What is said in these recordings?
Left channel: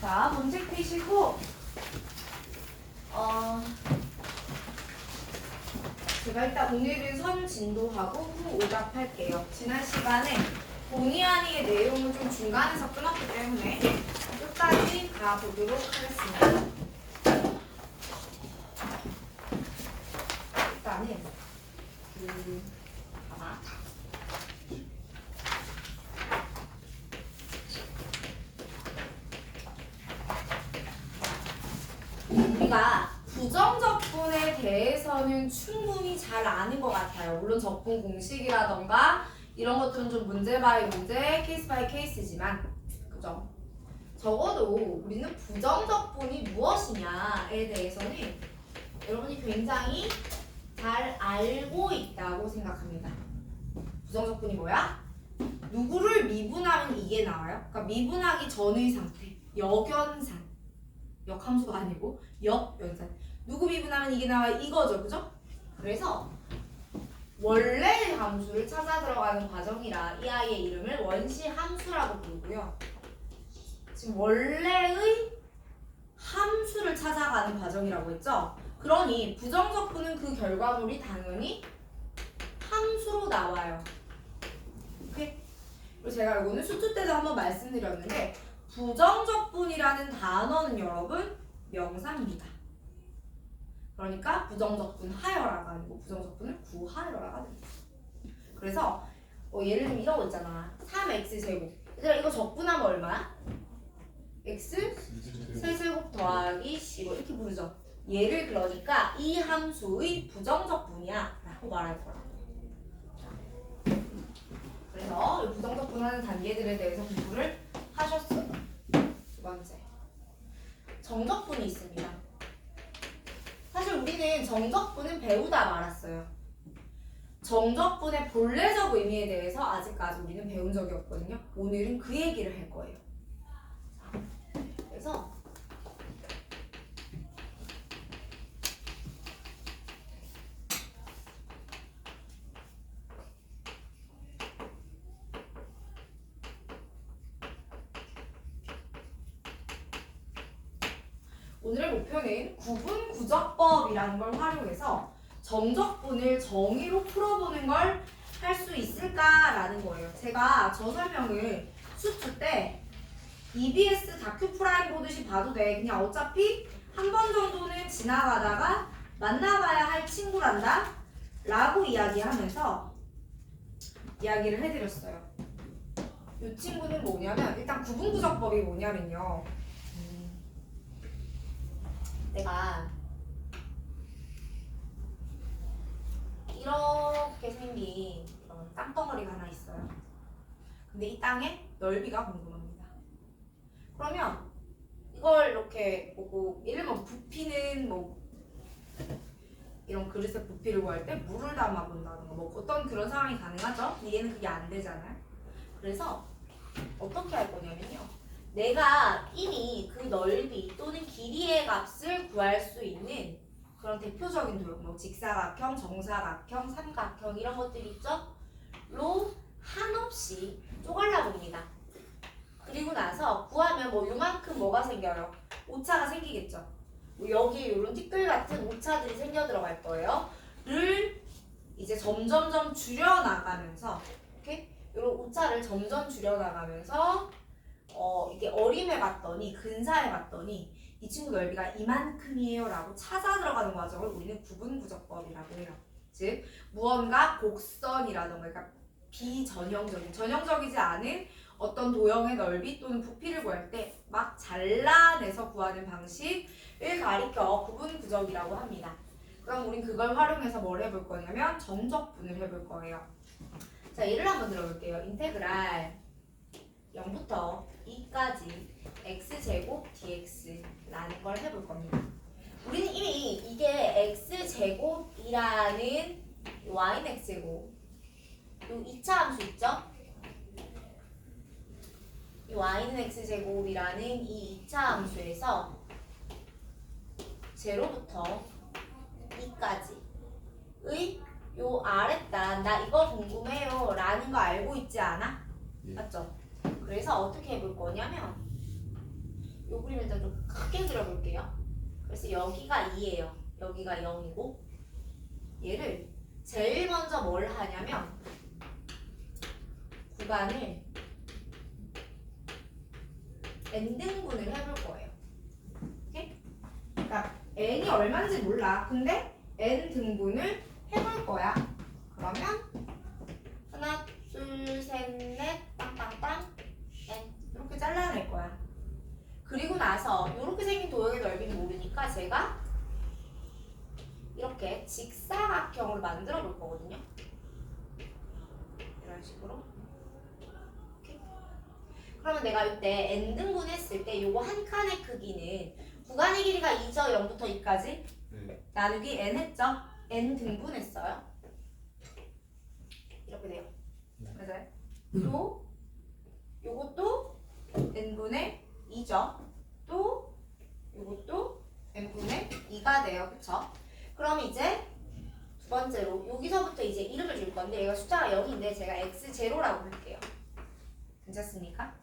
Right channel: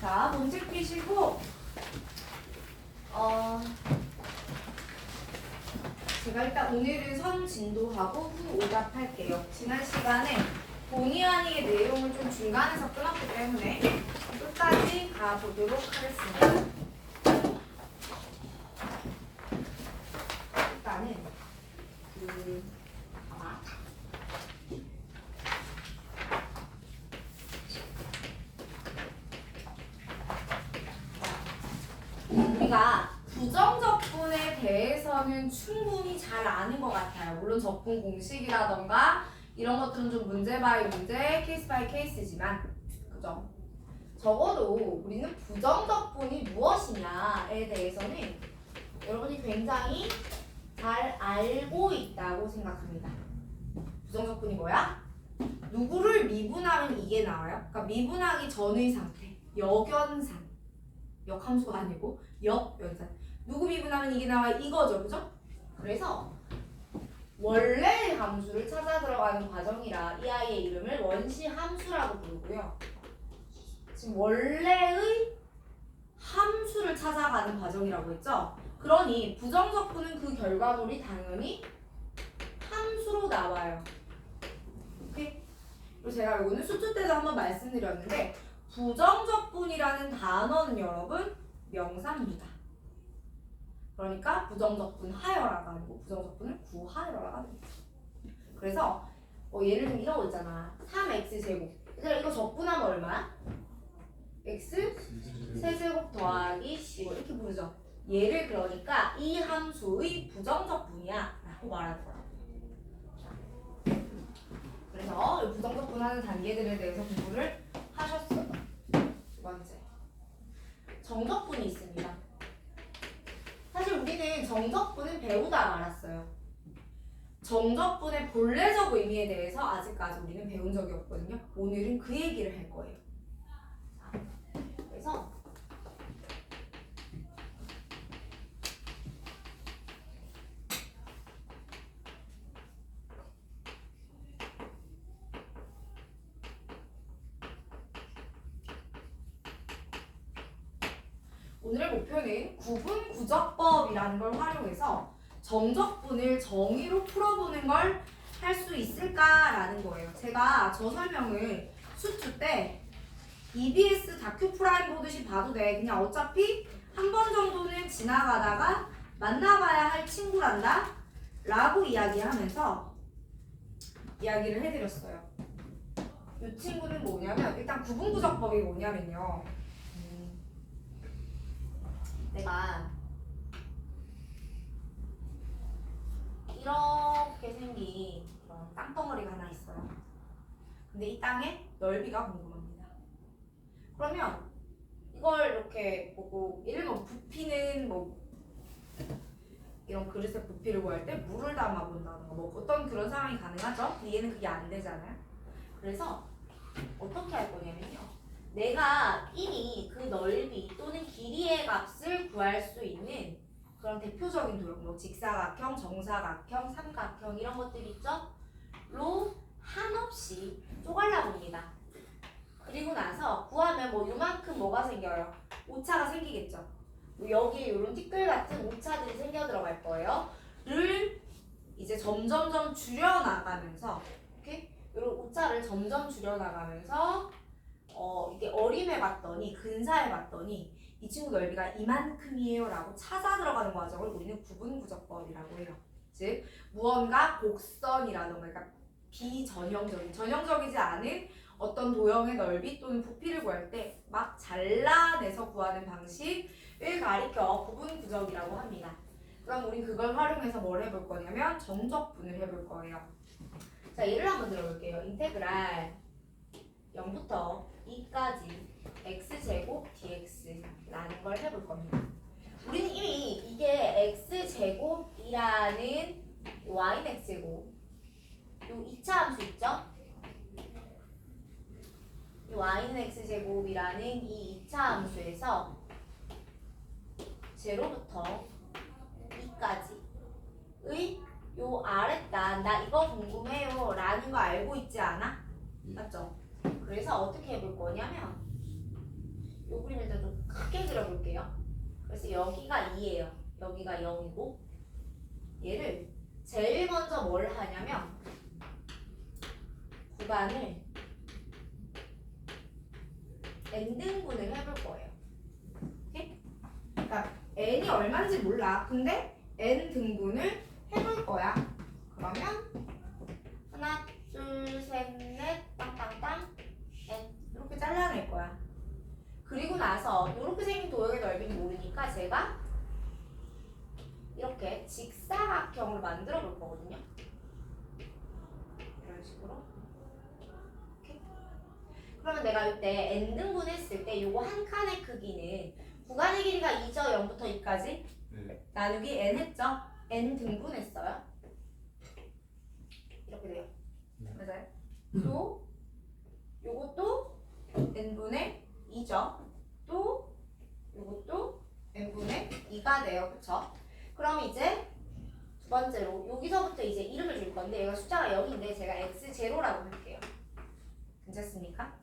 자, 문제 펴시고 제가 일단 오늘은 선진도하고 후 오답할게요. 지난 시간에 본의 아니게 내용을 좀 중간에서 끊었기 때문에 끝까지 가보도록 하겠습니다. 일단은 우리가 부정적분에 대해서는 충분히 잘 아는 것 같아요. 물론 적분 공식이라던가 이런 것들은 좀 문제 바이 문제, 케이스 바이 케이스지만, 그죠? 적어도 우리는 부정적분이 무엇이냐에 대해서는 여러분이 굉장히 잘 알고 있다고 생각합니다. 부정적분이 뭐야? 누구를 미분하면 이게 나와요. 그러니까 미분하기 전의 상태, 역연산. 역함수가 아니고 역연산. 누구 미분하면 이게 나와 이거죠, 그죠? 그래서 원래 함수를 찾아 들어가는 과정이라 이 아이의 이름을 원시 함수라고 부르고요. 지금 원래의 함수를 찾아가는 과정이라고 했죠? 그러니 부정적분은 그 결과물이 당연히 함수로 나와요. 오케이? 그리고 제가 이거는 수투 때도 한번 말씀드렸는데 부정적분이라는 단어는 여러분 명사입니다. 그러니까 부정적분 하여라가 아니고 부정적분을 구하여라가 됩니다. 그래서 예를 들면 이런 거 있잖아. 3x제곱. 얘들아 이거 적분하면 얼마야? x 세제곱 더하기 15 이렇게 부르죠. 얘를 그러니까 이 함수의 부정적분이야 라고 말할 거라고. 그래서 부정적분 하는 단계들에 대해서 공부를 하셨어요. 두 번째, 정적분이 있습니다. 사실 우리는 정적분은 배우다 말았어요. 정적분의 본래적 의미에 대해서 아직까지 우리는 배운 적이 없거든요. 오늘은 그 얘기를 할 거예요. 그래서 오늘의 목표는 구분구적법이라는 걸 활용해서 정적분을 정의로 풀어보는 걸 할 수 있을까라는 거예요. 제가 저 설명을 수투 때 EBS 다큐 프라임 보듯이 봐도 돼. 그냥 어차피 한 번 정도는 지나가다가 만나봐야 할 친구란다 라고 이야기하면서 이야기를 해드렸어요. 이 친구는 뭐냐면 일단 구분구적법이 뭐냐면요. 내가 이렇게 생긴 그런 땅덩어리가 하나 있어요. 근데 이 땅의 넓이가 궁금합니다. 그러면 이걸 이렇게 보고 예를 들면 부피는 뭐 이런 그릇에 부피를 구할 때 물을 담아 본다던가 뭐 어떤 그런 상황이 가능하죠? 근데 얘는 그게 안 되잖아요. 그래서 어떻게 할 거냐면요. 내가 이미 그 넓이 또는 길이의 값을 구할 수 있는 그런 대표적인 도형, 뭐 직사각형, 정사각형, 삼각형 이런 것들 있죠? 로 한없이 쪼갈라 봅니다. 그리고 나서 구하면 뭐 요만큼 뭐가 생겨요? 오차가 생기겠죠? 뭐 여기에 이런 티끌 같은 오차들이 생겨 들어갈 거예요. 를 이제 점점점 줄여나가면서 이렇게 이런 오차를 점점 줄여나가면서 이게 어림해 봤더니 근사해 봤더니 이 친구 넓이가 이만큼이에요 라고 찾아 들어가는 과정을 우리는 구분구적법이라고 해요. 즉 무언가 곡선이라던가 그러니까 비전형적인 전형적이지 않은 어떤 도형의 넓이 또는 부피를 구할 때 막 잘라내서 구하는 방식을 가리켜 구분구적이라고 합니다. 그럼 우린 그걸 활용해서 뭘 해볼 거냐면 정적분을 해볼 거예요. 자, 예를 한번 들어볼게요. 인테그랄 0부터 2까지 x제곱 dx라는 걸 해볼 겁니다. 우리는 이미 이게 x제곱이라는 y는 x제곱 요 2차 함수 있죠? 이 y는 x제곱이라는 이 2차 함수에서 0부터 2까지의 요 아랫단 나 이거 궁금해요 라는 거 알고 있지 않아? 맞죠? 그래서 어떻게 해볼 거냐면 요 그림 일단 좀 크게 그려볼게요. 그래서 여기가 2예요. 여기가 0이고 얘를 제일 먼저 뭘 하냐면 구간을 n등분을 해볼 거예요. 오케이? 그러니까 n이 얼마인지 몰라. 근데 n등분을 해볼 거야. 그러면 하나, 둘, 셋, 넷, 땅땅땅 n 이렇게 잘라낼 거야. 그리고 나서 이렇게 생긴 도형의 넓이는 모르니까 제가 이렇게 직사각형으로 만들어 볼 거거든요. 이런 식으로. 오케이? 그러면 내가 이때 n등분 했을 때 요거 한 칸의 크기는 구간의 길이가 2죠. 0부터 2까지 나누기 n 했죠. n 등분했어요. 이렇게 돼요. 맞아요? 또 요것도 n분의 2죠. 또 요것도 n분의 2가 돼요. 그쵸? 그럼 이제 두 번째로 여기서부터 이제 이름을 줄 건데 얘가 숫자가 0인데 제가 x0라고 할게요. 괜찮습니까?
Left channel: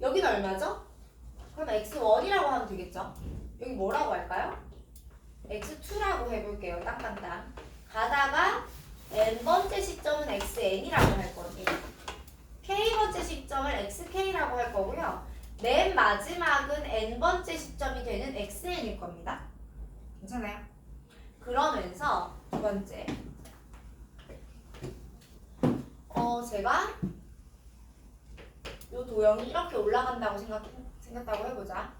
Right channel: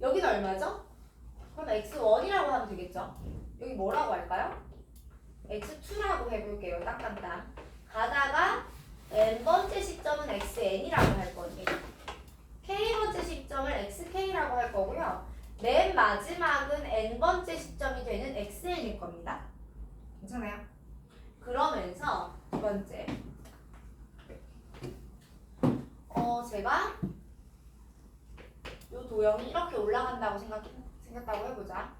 여기는 얼마죠? 그럼 x1이라고 하면 되겠죠? 여기 뭐라고 할까요? x2라고 해볼게요. 땅땅땅. 가다가 n번째 시점은 xn이라고 할 거예요. k번째 시점을 xk라고 할 거고요. 맨 마지막은 n번째 시점이 되는 xn일 겁니다. 괜찮아요? 그러면서 두 번째 제가 이 도형이 이렇게 올라간다고 생겼다고 해보자.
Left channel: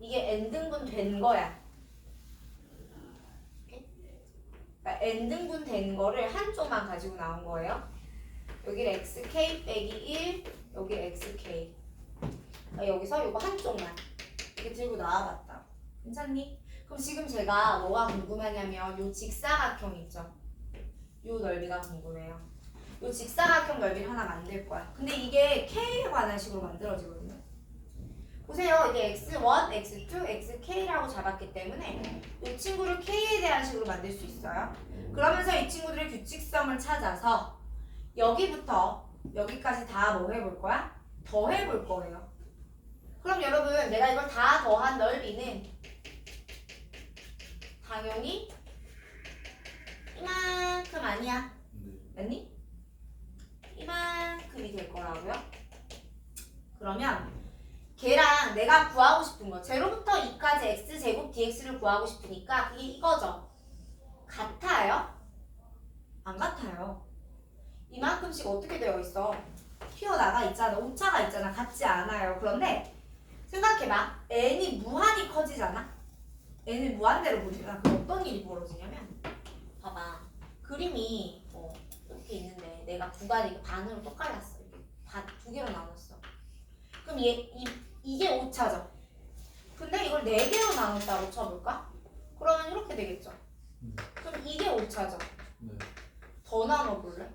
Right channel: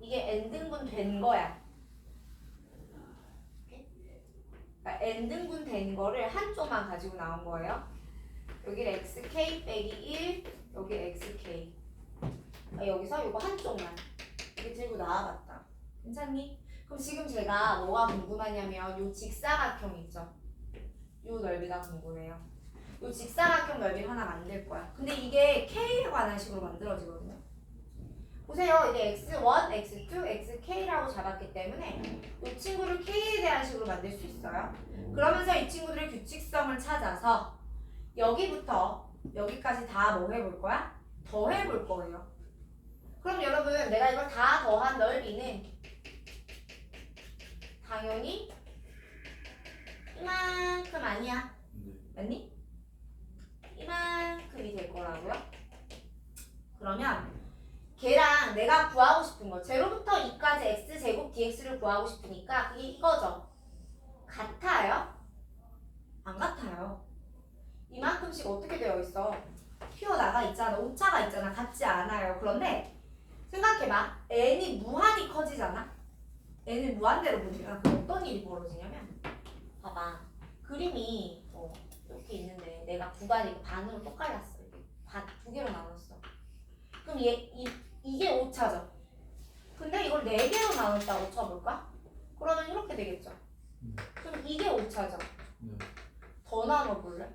이게 n등분 된 거야. 그러니까 n등분 된 거를 한쪽만 가지고 나온 거예요. 여기를 xk 빼기 1, 여기 xk. 여기서 이거 한쪽만 이렇게 들고 나와봤다. 괜찮니? 그럼 지금 제가 뭐가 궁금하냐면 요 직사각형 있죠? 요 넓이가 궁금해요. 요 직사각형 넓이를 하나 만들 거야. 근데 이게 k에 관한 식으로 만들어지거든요. 보세요. 이게 x1, x2, xk라고 잡았기 때문에 이 친구를 k에 대한 식으로 만들 수 있어요. 그러면서 이 친구들의 규칙성을 찾아서 여기부터 여기까지 다 뭐 해볼 거야? 더해볼 거예요. 그럼 여러분 내가 이걸 다 더한 넓이는 당연히 이만큼 아니야. 맞니? 이만큼이 될 거라고요. 그러면 걔랑 내가 구하고 싶은 거 0부터 2까지 x제곱 dx를 구하고 싶으니까 그게 이거죠. 같아요? 안 같아요. 이만큼씩 어떻게 되어 있어? 튀어나가 있잖아. 오차가 있잖아. 같지 않아요. 그런데 생각해봐. n이 무한히 커지잖아. n을 무한대로 보지만 그럼 어떤 일이 벌어지냐면 봐봐. 그림이 이렇게 있는데 내가 구간을 반으로 또 갈랐어. 이렇게 두 개로 나눴어. 그럼 이게 오차죠. 근데 이걸 4개로 나눴다고 쳐볼까? 그러면 이렇게 되겠죠. 그럼 이게 오차죠. 더 나눠볼래?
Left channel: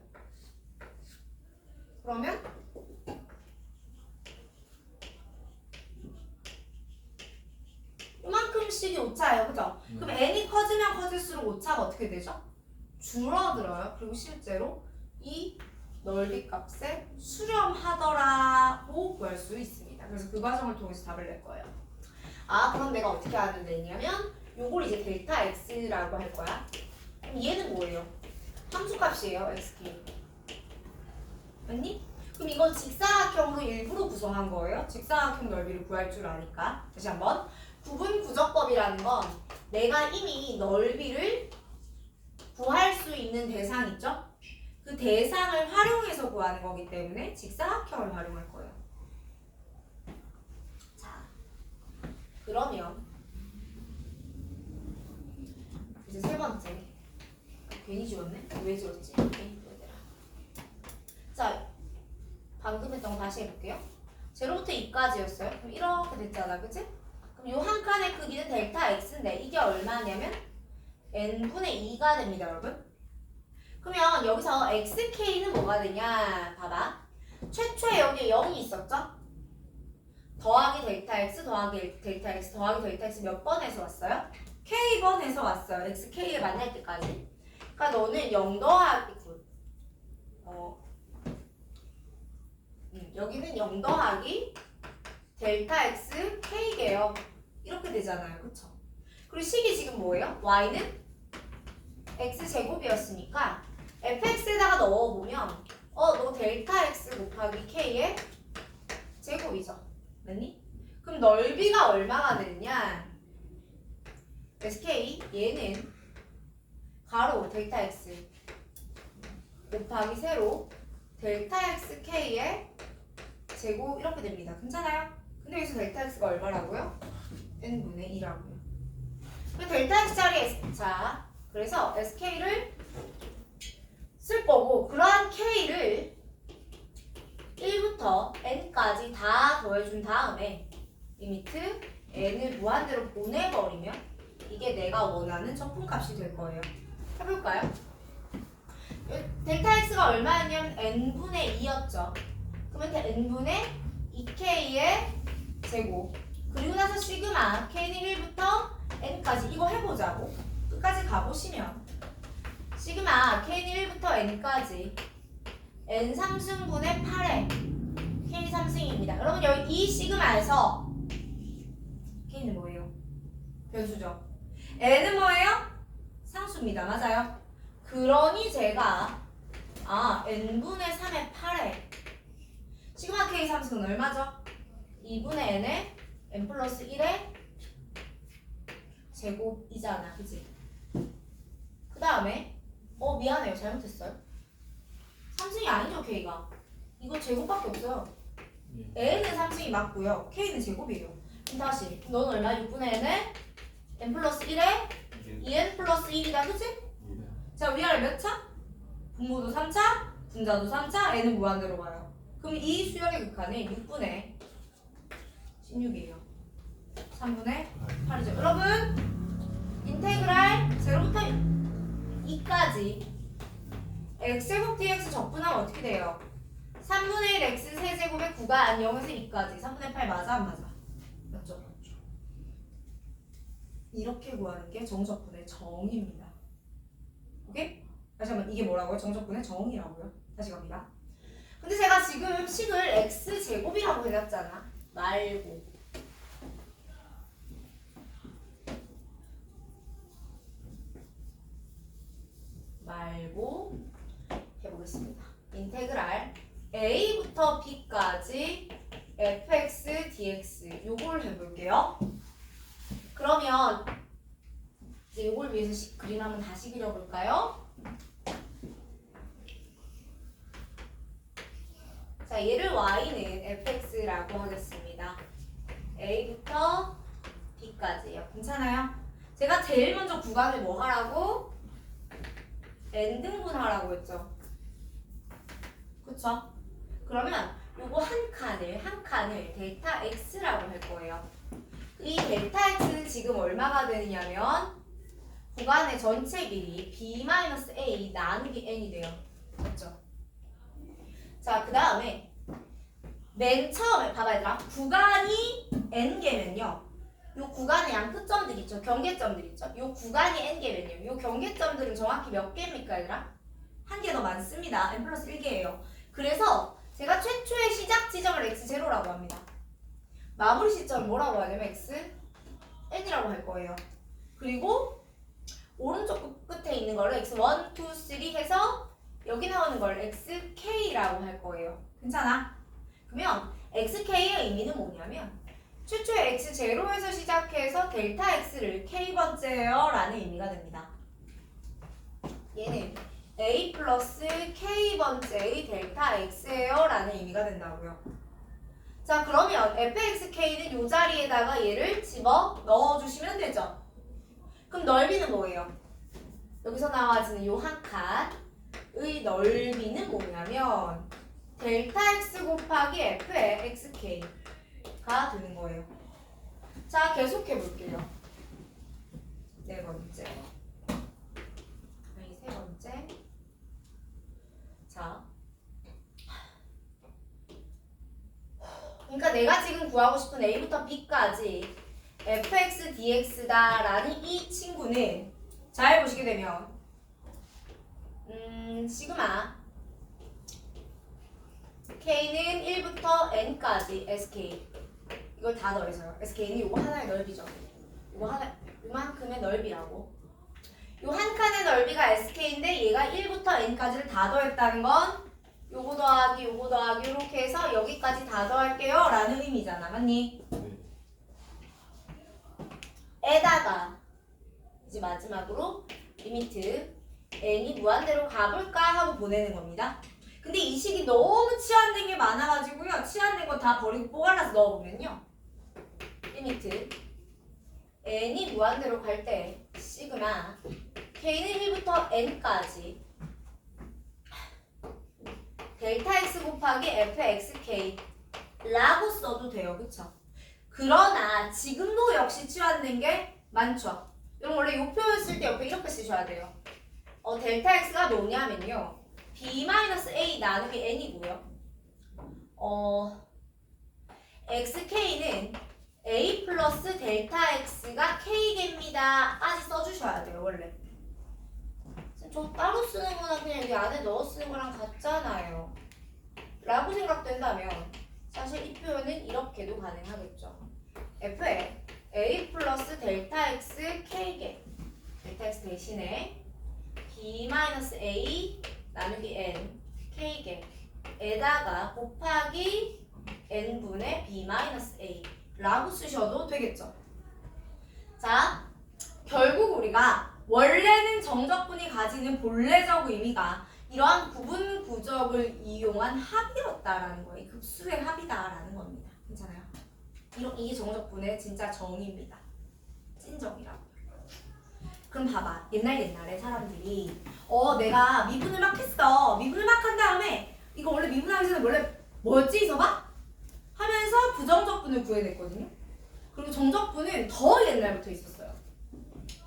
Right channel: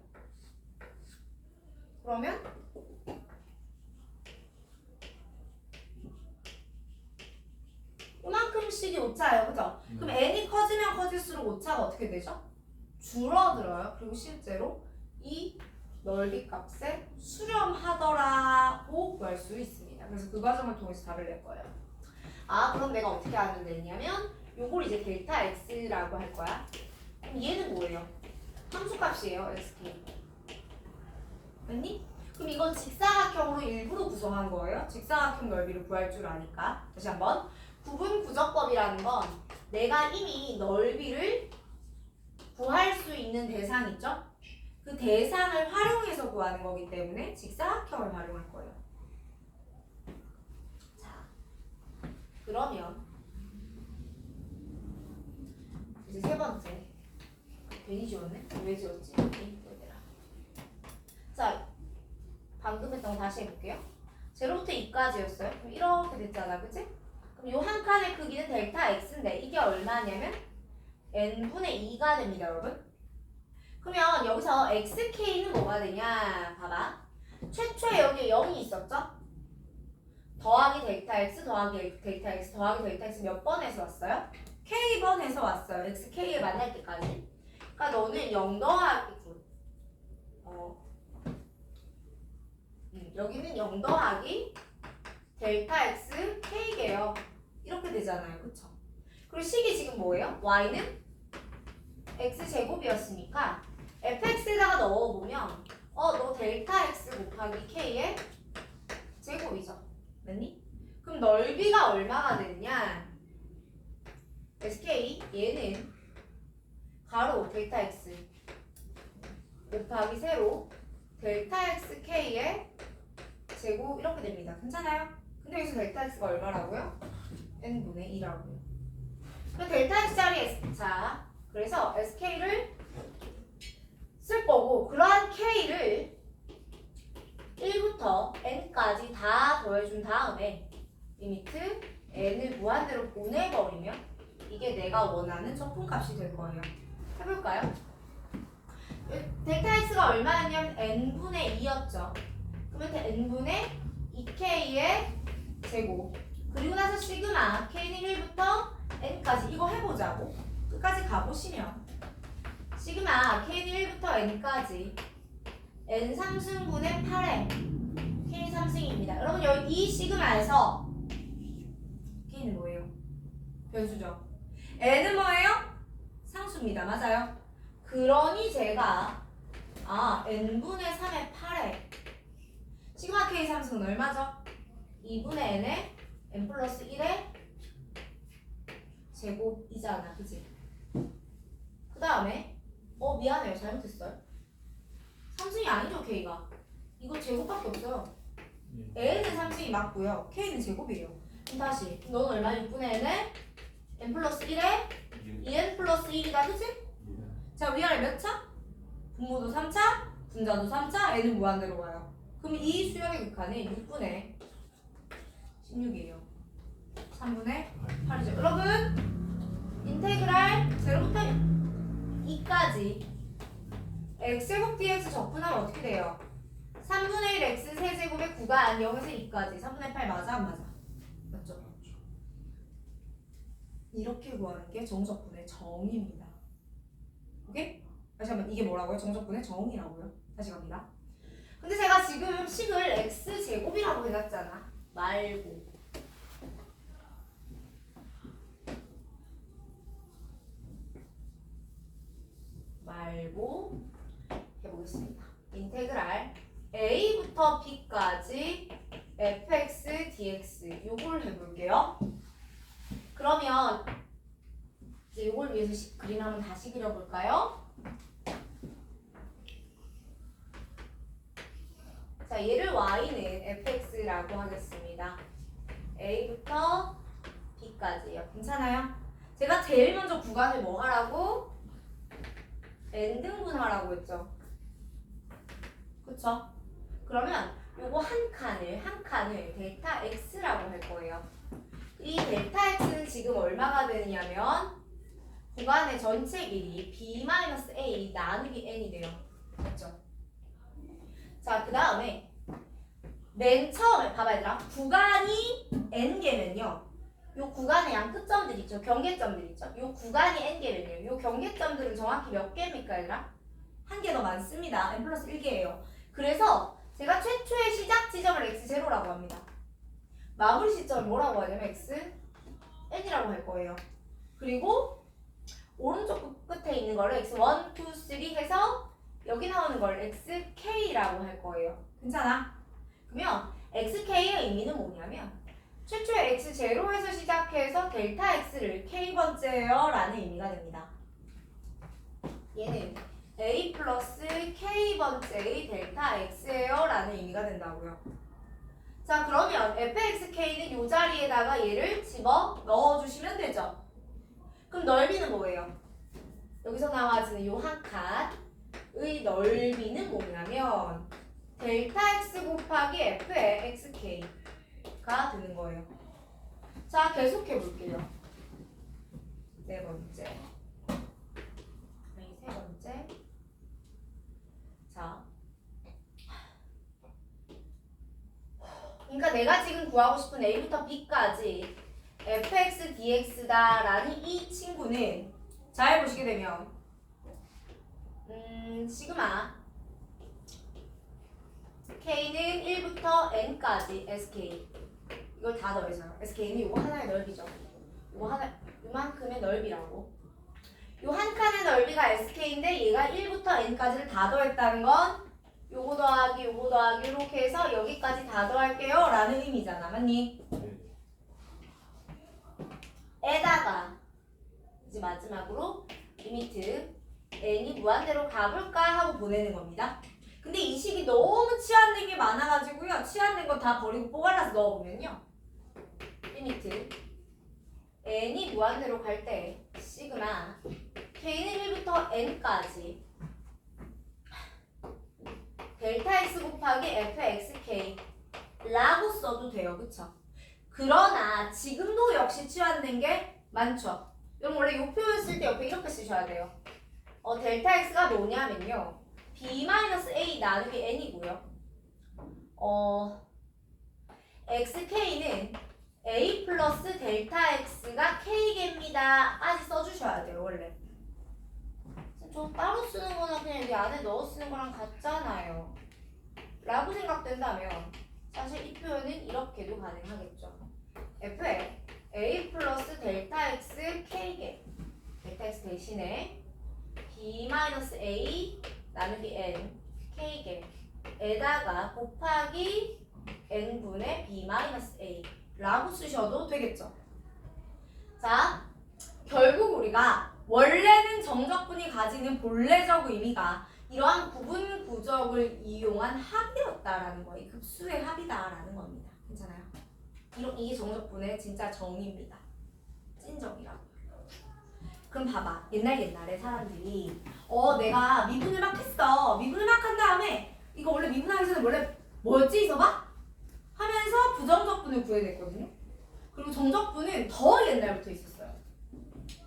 그러면 이만큼씩이 오차예요. 그죠? 그럼 n이 커지면 커질수록 오차가 어떻게 되죠? 줄어들어요. 그리고 실제로 이 넓이 값에 수렴하더라고 구할 수 있습니다. 그래서 그 과정을 통해서 답을 낼 거예요. 그럼 내가 어떻게 하면 되냐면 요걸 이제 델타 x라고 할 거야. 그럼 얘는 뭐예요? 함수값이에요. xk. 맞니? 그럼 이건 직사각형으로 일부러 구성한 거예요. 직사각형 넓이를 구할 줄 아니까. 다시 한번. 구분구적법이라는 건 내가 이미 넓이를 구할 수 있는 대상 있죠? 그 대상을 활용해서 구하는 거기 때문에 직사각형을 활용할 거예요. 자, 그러면 이제 세 번째. 괜히 지웠네? 왜 지웠지? 얘들아. 자, 방금 했던 거 다시 해볼게요. 0부터 2까지였어요. 그럼 이렇게 됐잖아, 그치? 그럼 요 한 칸의 크기는 델타 x인데 이게 얼마냐면 n분의 2가 됩니다, 여러분. 그러면 여기서 xk는 뭐가 되냐? 봐봐. 최초에 여기 0이 있었죠? 더하기 델타 x 더하기 델타 x 더하기 델타 x 몇 번에서 왔어요? k번에서 왔어요. xk에 만날 때까지. 그러니까 너는 0 더하기 여기는 0 더하기 델타 x k게요. 이렇게 되잖아요. 그쵸? 그리고 식이 지금 뭐예요? y는 x제곱이었으니까 fx에다가 넣어보면 너 델타 x 곱하기 k의 제곱이죠. 맞니? 그럼 넓이가 얼마가 되느냐? sk 얘는 가로 델타 x 곱하기 세로 델타 x k의 제곱 이렇게 됩니다. 괜찮아요? 근데 여기서 델타 x가 얼마라고요? n분의 2라고요. 그럼 델타 x짜리 자, 그래서 sk를 쓸 거고 그러한 k를 1부터 n까지 다 더해준 다음에 리미트 n을 무한대로 보내버리면 이게 내가 원하는 적분값이 될 거예요. 해볼까요? 델타 x가 얼마였냐면 n분의 2였죠. 그러면 n분의 2k의 제곱 그리고 나서 시그마 k는 1부터 n까지 이거 해보자고 끝까지 가보시면 시그마 k는 1부터 n까지 n 3승분의 8에 k 3승입니다. 여러분 여기 이 시그마에서 k는 뭐예요? 변수죠. n은 뭐예요? 상수입니다. 맞아요? 그러니 제가 n분의 3의 8에 시그마 k 3승은 얼마죠? 2분의 n에 n 플러스 1의 제곱이잖아. 그치? 그 다음에 미안해요. 잘못했어요. 3승이 아니죠 k가. 이거 제곱밖에 없어요. n은 3승이 맞고요. k는 제곱이에요. 그럼 다시 너는 얼마? 6분의 n에 n 플러스 1에 2n 플러스 1이다. 그치? 자 위아래 몇 차? 분모도 3차, 분자도 3차, n은 무한대로 가요. 그럼 이 수열의 극한이 6분의 16이에요. 3분의 8이죠. 여러분 인테그랄 0부터 2까지 x제곱 dx 적분하면 어떻게 돼요? 3분의 1 x 세제곱의 구간 0에서 2까지 3분의 8 맞아 안 맞아? 맞죠? 이렇게 구하는 게 정적분의 정의입니다. 오케이? 다시 한번 이게 뭐라고요? 정적분의 정의라고요. 다시 갑니다. 근데 제가 지금 식을 x제곱이라고 해놨잖아. 말고 해보겠습니다. 인테그랄 a부터 b까지 fx dx 요걸 해볼게요. 그러면 이제 요걸 위해서 그림 한번 다시 그려볼까요? 자, 얘를 y는 fx라고 하겠습니다. a부터 b까지요. 괜찮아요? 제가 제일 먼저 구간을 뭐 하라고? n등분 하라고 했죠. 그쵸? 그러면 요거 한 칸을 델타 x라고 할 거예요. 이 델타 x는 지금 얼마가 되느냐면 구간의 전체 길이 b-a 나누기 n이 돼요. 맞죠? 자, 그 다음에 맨 처음에 봐봐 얘들아. 구간이 n개면요. 요 구간의 양 끝점들 있죠. 경계점들 있죠. 요 구간이 n개면요. 요 경계점들은 정확히 몇 개입니까 얘들아? 한 개 더 많습니다. n 플러스 1개예요. 그래서 제가 최초의 시작 지점을 x0라고 합니다. 마무리 시점을 뭐라고 하냐면 x n이라고 할 거예요. 그리고 오른쪽 끝에 있는 거를 x1, 2, 3 해서 여기 나오는 걸 xk라고 할 거예요. 괜찮아? 그러면 xk의 의미는 뭐냐면 최초의 x0에서 시작해서 델타 x를 k번째요 라는 의미가 됩니다. 얘는 a 플러스 k번째의 델타 x예요 라는 의미가 된다고요. 자, 그러면 fxk는 이 자리에다가 얘를 집어 넣어주시면 되죠. 그럼 넓이는 뭐예요? 여기서 나와지는 요 한 칸의 넓이는 뭐냐면 델타 x 곱하기 f의 xk가 되는 거예요. 자, 계속해 볼게요. 네 번째. 아니, 세 번째. 자. 그러니까 내가 지금 구하고 싶은 a부터 b까지 fx dx다라는 이 친구는 잘 보시게 되면 시그마 k는 1부터 n까지 sk 이걸 다 더해서요. 그래서 K는 요거 하나의 넓이죠. 요거 하나 요만큼의 넓이라고. 요 한 칸의 넓이가 SK인데 얘가 1부터 N까지를 다 더했다는 건 요거 더하기 요거 더하기 이렇게 해서 여기까지 다 더할게요 라는 의미잖아. 맞니? 네. 에다가 이제 마지막으로 리미트 n이 무한대로 가볼까 하고 보내는 겁니다. 근데 이 식이 너무 치환된 게 많아가지고요. 치환된 거 다 버리고 뽀갈라서 넣어보면요. 리미트 n이 무한대로 갈 때 시그마 k는 1부터 n까지 델타 x 곱하기 fxk 라고 써도 돼요. 그쵸? 그러나 지금도 역시 치환된 게 많죠. 그럼 원래 요 표현 쓸 때 옆에 이렇게 쓰셔야 돼요. 델타 x가 뭐냐면요. b-a 나누기 n이고요. xk는 a 플러스 델타 x가 k개입니다. 까지 써주셔야 돼요. 원래. 저 따로 쓰는 거나 그냥 여기 안에 넣어 쓰는 거랑 같잖아요. 라고 생각된다면 사실 이 표현은 이렇게도 가능하겠죠. f에 a 플러스 델타 x k개 델타 x 대신에 b-a 나누기 n k개 에다가 곱하기 n분의 b-a 라고 쓰셔도 되겠죠. 자, 결국 우리가 원래는 정적분이 가지는 본래적 의미가 이러한 구분 구적을 이용한 합이었다라는 거예요. 급수의 합이다라는 겁니다. 괜찮아요? 이게 정적분의 진짜 정의입니다. 찐정이라고. 그럼 봐봐. 옛날에 사람들이 내가 미분을 막 했어. 미분을 막 한 다음에 이거 원래 미분하기 전에 원래 뭐였지 이서봐? 하면서 부정적분을 구해냈거든요. 그리고 정적분은 더 옛날부터 있었어요.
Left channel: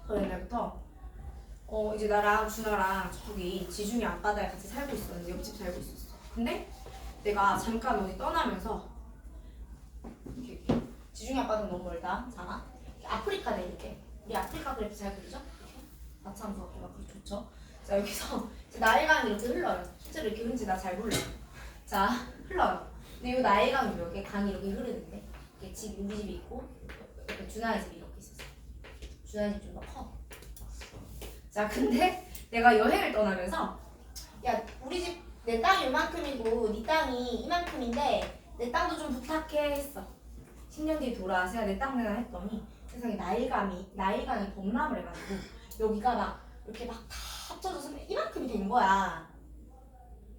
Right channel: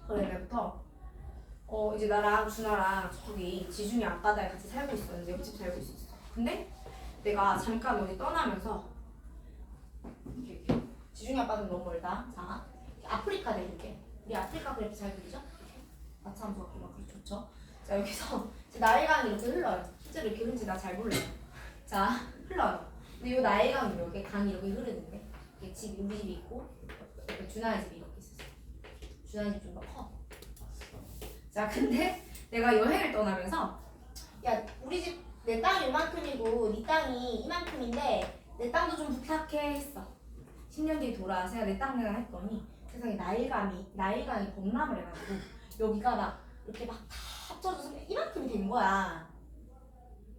더 옛날부터 이제 나랑 준아랑 저기 지중해 앞바다에 같이 살고 있었는데 옆집 살고 있었어. 근데 내가 잠깐 어디 떠나면서 이렇게 지중해 앞바다는 너무 멀다. 자, 아프리카 내릴게. 우리 아프리카 그래프 잘 그리죠? 이렇게 나참 좋고 막 그렇게 좋죠. 자, 여기서 이제 나일강이 이렇게 흘러요. 실제로 이렇게 흐른지 나 잘 몰라요. 자, 흘러요. 근데 이 나일강이 이렇게 강이 이렇게 흐르는데 이게 집 우리 집이 있고 옆에 준아의 집이 이렇게 있었어. 준아의 집 좀 더 커. 자, 근데 내가 여행을 떠나면서 야, 우리 집 내 땅이 이만큼이고 네 땅이 이만큼인데 내 땅도 좀 부탁해 했어. 10년 뒤에 돌아와서 내 땅 내놔 했더니 세상에 나일강이 범람을 해가지고 여기가 막 이렇게 막 다 합쳐져서 이만큼이 된 거야.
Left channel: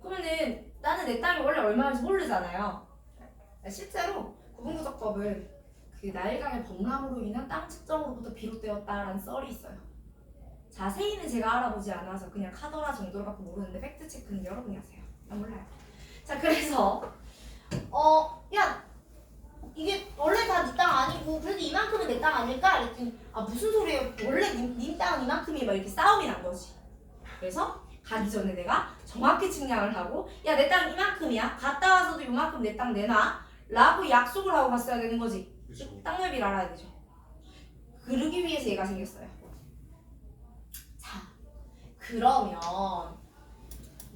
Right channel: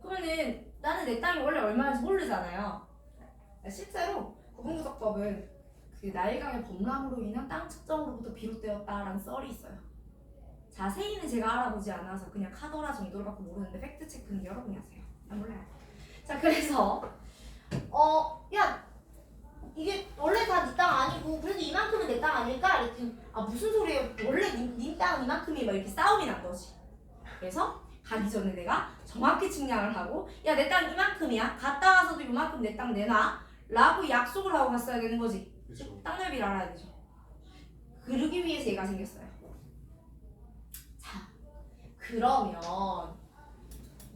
그러면은 나는 내 땅이 원래 얼마인지 모르잖아요. 실제로 구분구적법은 그 나일강의 범람으로 인한 땅 측정으로부터 비롯되었다라는 썰이 있어요. 자세히는 제가 알아보지 않아서 그냥 카더라 정도로 갖고 모르는데 팩트 체크는 여러분이 하세요. 난 몰라요. 자, 그래서 야, 이게 원래 다 네 땅 아니고 그래도 이만큼은 내 땅 아닐까? 이랬더니 무슨 소리예요? 원래 네 땅은 이만큼이 막 이렇게 싸움이 난 거지. 그래서 가기 전에 내가 정확히 측량을 하고 야, 내 땅 이만큼이야. 갔다 와서도 이만큼 내 땅 내놔 라고 약속을 하고 갔어야 되는 거지. 그렇죠. 땅 넓이를 알아야 되죠. 그러기 위해서 얘가 생겼어요. 자, 그러면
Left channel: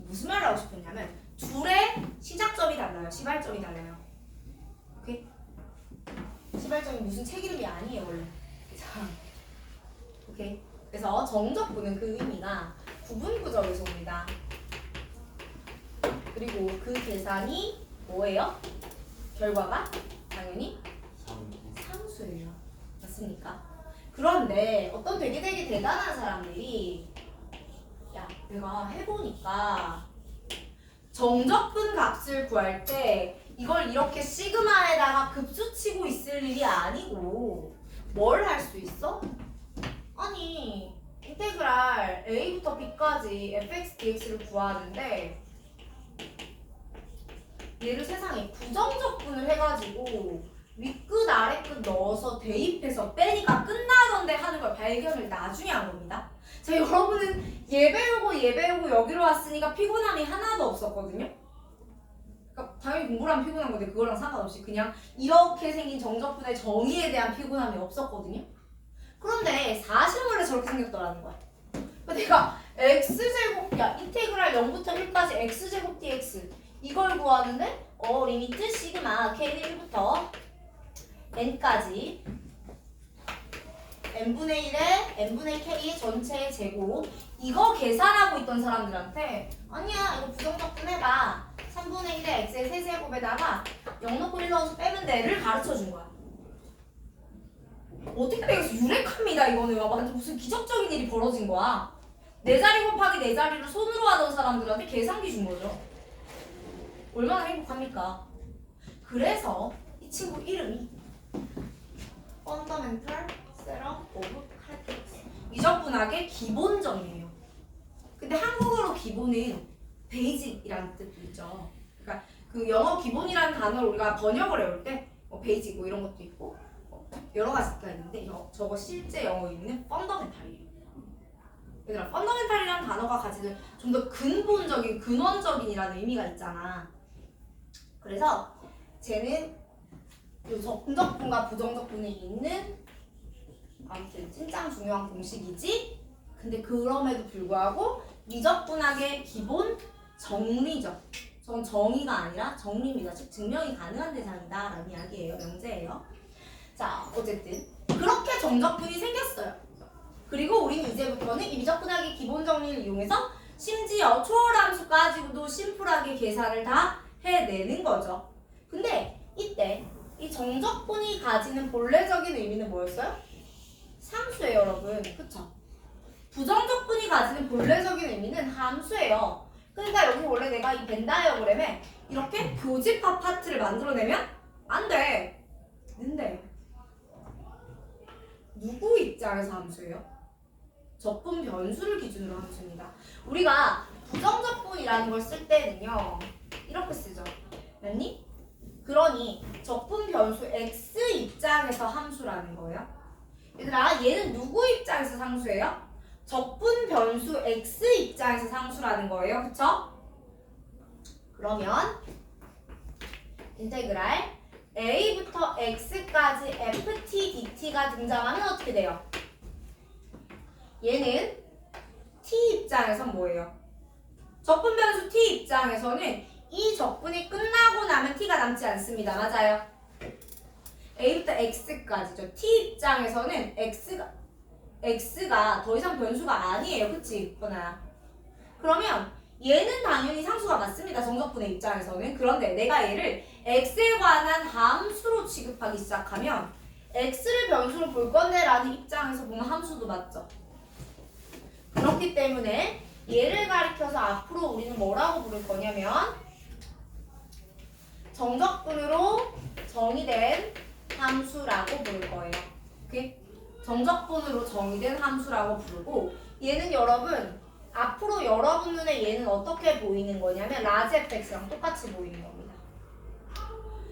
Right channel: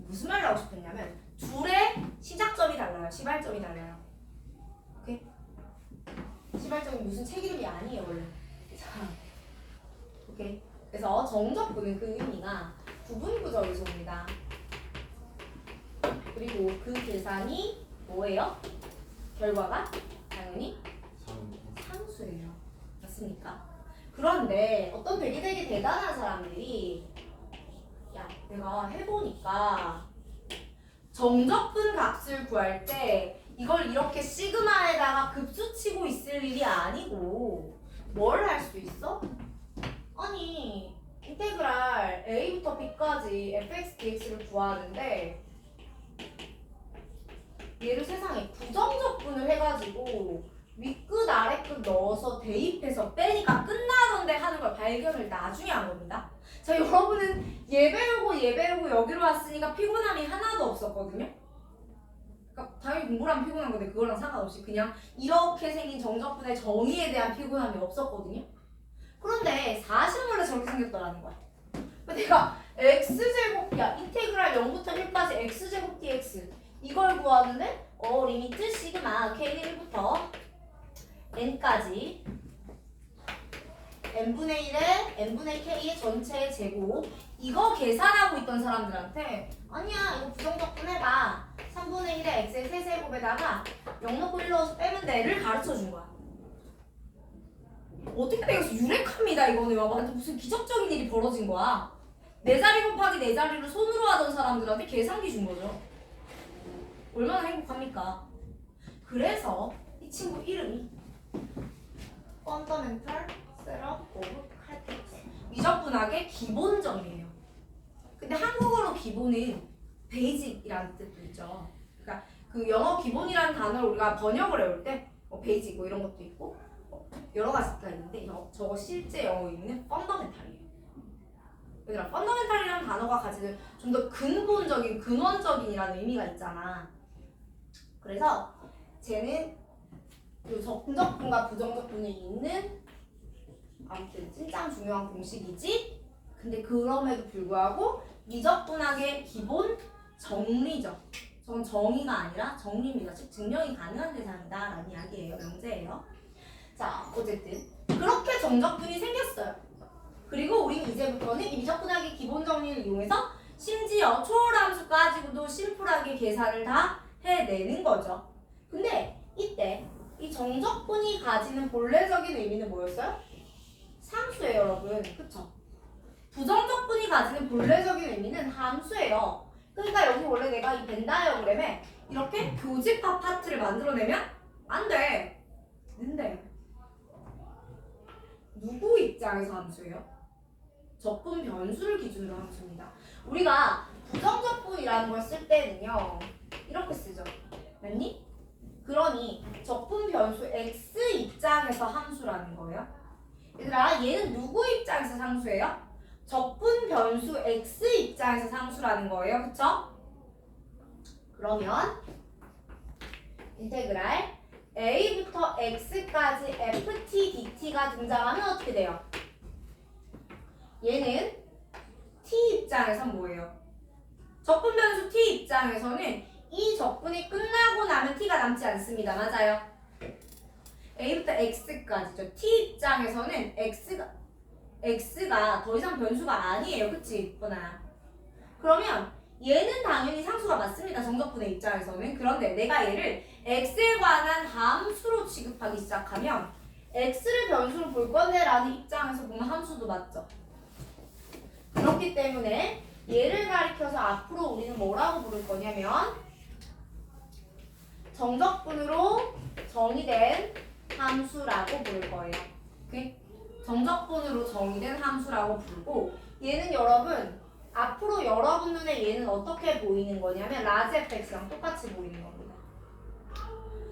무슨 말을 하고 싶었냐면 둘의 시작점이 달라요. 시발점이 달라요. 오케이? 시발점이 무슨 책 이름이 아니에요 원래. 자, 오케이? 그래서 정적분은 그 의미가 구분구적에서 옵니다. 그리고 그 계산이 뭐예요? 결과가 당연히 상수예요. 맞습니까? 그런데 어떤 되게 대단한 사람들이 야, 내가 해보니까 정적분 값을 구할 때 이걸 이렇게 시그마에다가 급수치고 있을 일이 아니고 뭘 할 수 있어? 아니, 인테그랄 a부터 b까지 fx dx를 구하는데 얘를 세상에 부정적분을 해가지고 윗끝 아래끝 넣어서 대입해서 빼니까 끝나던데 하는 걸 발견을 나중에 한 겁니다. 자, 여러분은 얘 배우고 여기로 왔으니까 피곤함이 하나도 없었거든요. 그러니까 당연히 공부를 하면 피곤한 건데 그거랑 상관없이 그냥 이렇게 생긴 정적분의 정의에 대한 피곤함이 없었거든요. 그런데 사실은 원래 저렇게 생겼더라는 거야. 그러니까 내가 x제곱, 야, 인테그랄 0부터 1까지 x제곱 dx 이걸 구하는데 리미트 시그마 k는 1부터 n까지 n분의 1에 n분의 k의 전체의 제곱 이거 계산하고 있던 사람들한테 아니야 이거 부정적분 해봐 3분의 1에 x의 세제곱에다가 0 넣고 1 넣어서 빼면 돼를 가르쳐준 거야. 어떻게 되겠어? 유력합니다 이거는. 완전 무슨 기적적인 일이 벌어진 거야. 4자리 곱하기 4자리를 손으로 하던 사람들한테 계산기 준 거죠. 얼마나 행복합니까? 그래서 이 친구 이름이 Fundamental Setup of Calculus 미적분학의 기본 정리예요. 근데 한국어로 기본은 베이직이라는 뜻도 있죠. 그러니까 그 영어 기본이라는 단어를 우리가 번역을 해올 때 베이직 뭐 이런 것도 있고 여러 가지가 있는데 저거 실제 영어 의미는 펀더멘탈이에요. 얘들아, 펀더멘탈이라는 단어가 가지는 좀 더 근본적인, 근원적인이라는 의미가 있잖아. 그래서 쟤는 긍정분과 부정적분이 있는 아무튼 찐짱 중요한 공식이지. 근데 그럼에도 불구하고 미적분학의 기본 정리적. 저건 정의가 아니라 정리입니다. 즉 증명이 가능한 대상이다 라는 이야기예요. 명제예요. 자, 어쨌든 그렇게 정적분이 생겼어요. 그리고 우리는 이제부터는 이 미적분학의 기본 정리를 이용해서 심지어 초월함수까지도 심플하게 계산을 다 해내는 거죠. 근데 이때 이 정적분이 가지는 본래적인 의미는 뭐였어요? 상수예요, 여러분. 그쵸? 부정적분이 가지는 본래적인 의미는 함수예요. 그러니까 여기 원래 내가 이 벤 다이어그램에 이렇게 교집합 파트를 만들어내면 안 돼. 근데 누구 입장에서 함수예요? 적분 변수를 기준으로 함수입니다. 우리가 부정적분이라는 걸 쓸 때는요 이렇게 쓰죠. 맞니? 그러니 적분 변수 x 입장에서 함수라는 거예요. 얘들아, 얘는 누구 입장에서 상수예요? 적분 변수 x 입장에서 상수라는 거예요. 그쵸? 그러면 인테그랄 a부터 x까지 ft dt가 등장하면 어떻게 돼요? 얘는 t 입장에선 뭐예요? 적분 변수 t 입장에서는 이 적분이 끝나고 나면 t가 남지 않습니다. 맞아요? a부터 x까지죠. t 입장에서는 x가 더 이상 변수가 아니에요. 그치? 보나야. 그러면 얘는 당연히 상수가 맞습니다. 정적분의 입장에서는. 그런데 내가 얘를 x에 관한 함수로 취급하기 시작하면 x를 변수로 볼 건데 라는 입장에서 보면 함수도 맞죠. 그렇기 때문에 얘를 가리켜서 앞으로 우리는 뭐라고 부를 거냐면 정적분으로 정의된 함수라고 부를 거예요. 오케이? 정적분으로 정의된 함수라고 부르고 얘는 여러분 앞으로 여러분 눈에 얘는 어떻게 보이는 거냐면 라지 fx랑 똑같이 보이는 겁니다.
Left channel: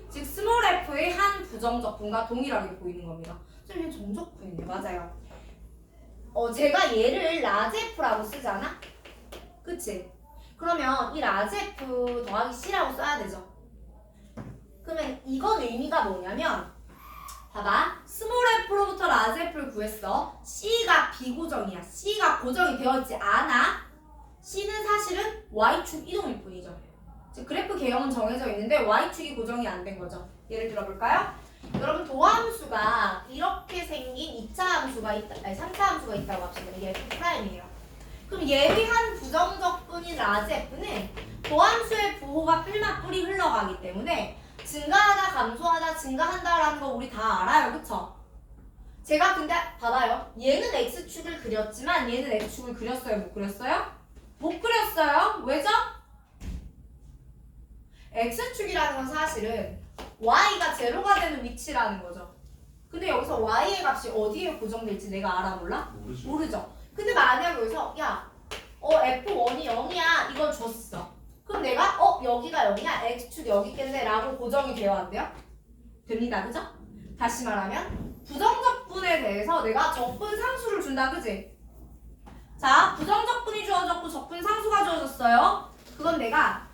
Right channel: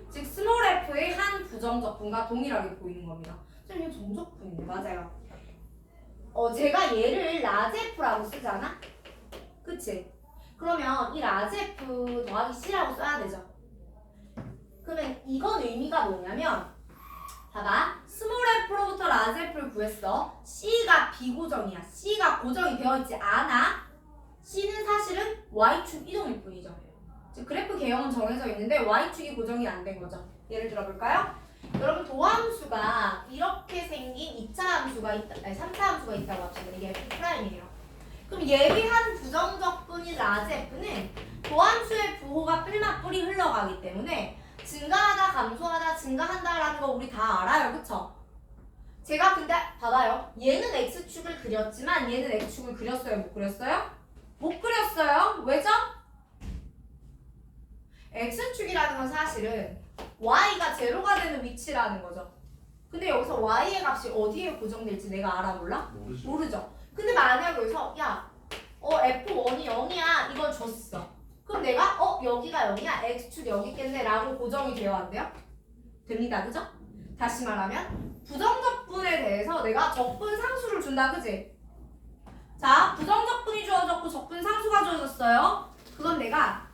즉 스몰 f의 한 부정적분과 동일하게 보이는 겁니다. 선생님 정적분이네. 맞아요. 제가 얘를 라지 f라고 쓰잖아? 그치? 그러면 이 라지 f 더하기 c라고 써야 되죠. 그러면 이건 의미가 뭐냐면 봐봐. 스몰 f로부터 라지 f를 구했어. c가 비고정이야. c가 고정이 되어있지 않아. c는 사실은 y축 이동일 뿐이죠. 즉 그래프 개형은 정해져 있는데 y축이 고정이 안 된 거죠. 예를 들어볼까요? 여러분 도함수가 이렇게 생긴 2차 함수가 있다, 아니 3차 함수가 있다고 합시다. 이게 f'이에요. 그럼 예비한 부정적분인 라지 f는 도함수의 부호가 뿔이 흘러가기 때문에 증가하다 감소하다 증가한다라는 거 우리 다 알아요. 그쵸? 제가 근데 봐봐요. 얘는 x축을 그렸지만 얘는 x축을 그렸어요? 못 그렸어요? 못 그렸어요. 왜죠? x축이라는 건 사실은 y가 제로가 되는 위치라는 거죠. 근데 여기서 y의 값이 어디에 고정될지 내가 알아 몰라? 모르죠. 근데 만약 여기서 야 f1이 0이야 이걸 줬어. 그럼 내가 여기가 0이야 x축 여기 있겠네 라고 고정이 되어야 안 돼요? 됩니다. 그죠? 다시 말하면 부정적분에 대해서 내가 적분 상수를 준다. 그지? 자, 부정적분이 주어졌고 적분 상수가 주어졌어요. 그건 내가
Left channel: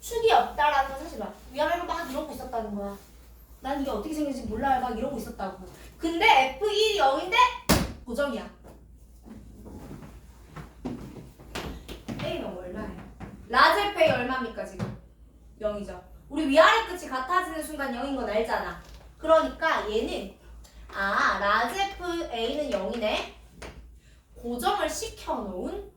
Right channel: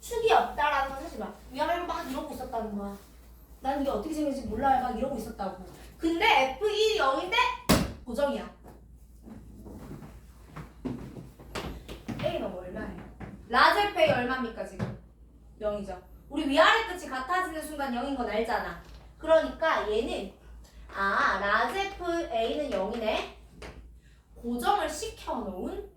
축이 없다라는 건 사실 막 위아래로 막 이러고 있었다는 거야. 난 이게 어떻게 생긴지 몰라요. 막 이러고 있었다고. 근데 F1이 0인데 고정이야. A가 얼마예요? 라지 F A 얼마입니까 지금? 0이죠. 우리 위아래 끝이 같아지는 순간 0인 건 알잖아. 그러니까 얘는 라지 FA는 0이네. 고정을 시켜놓은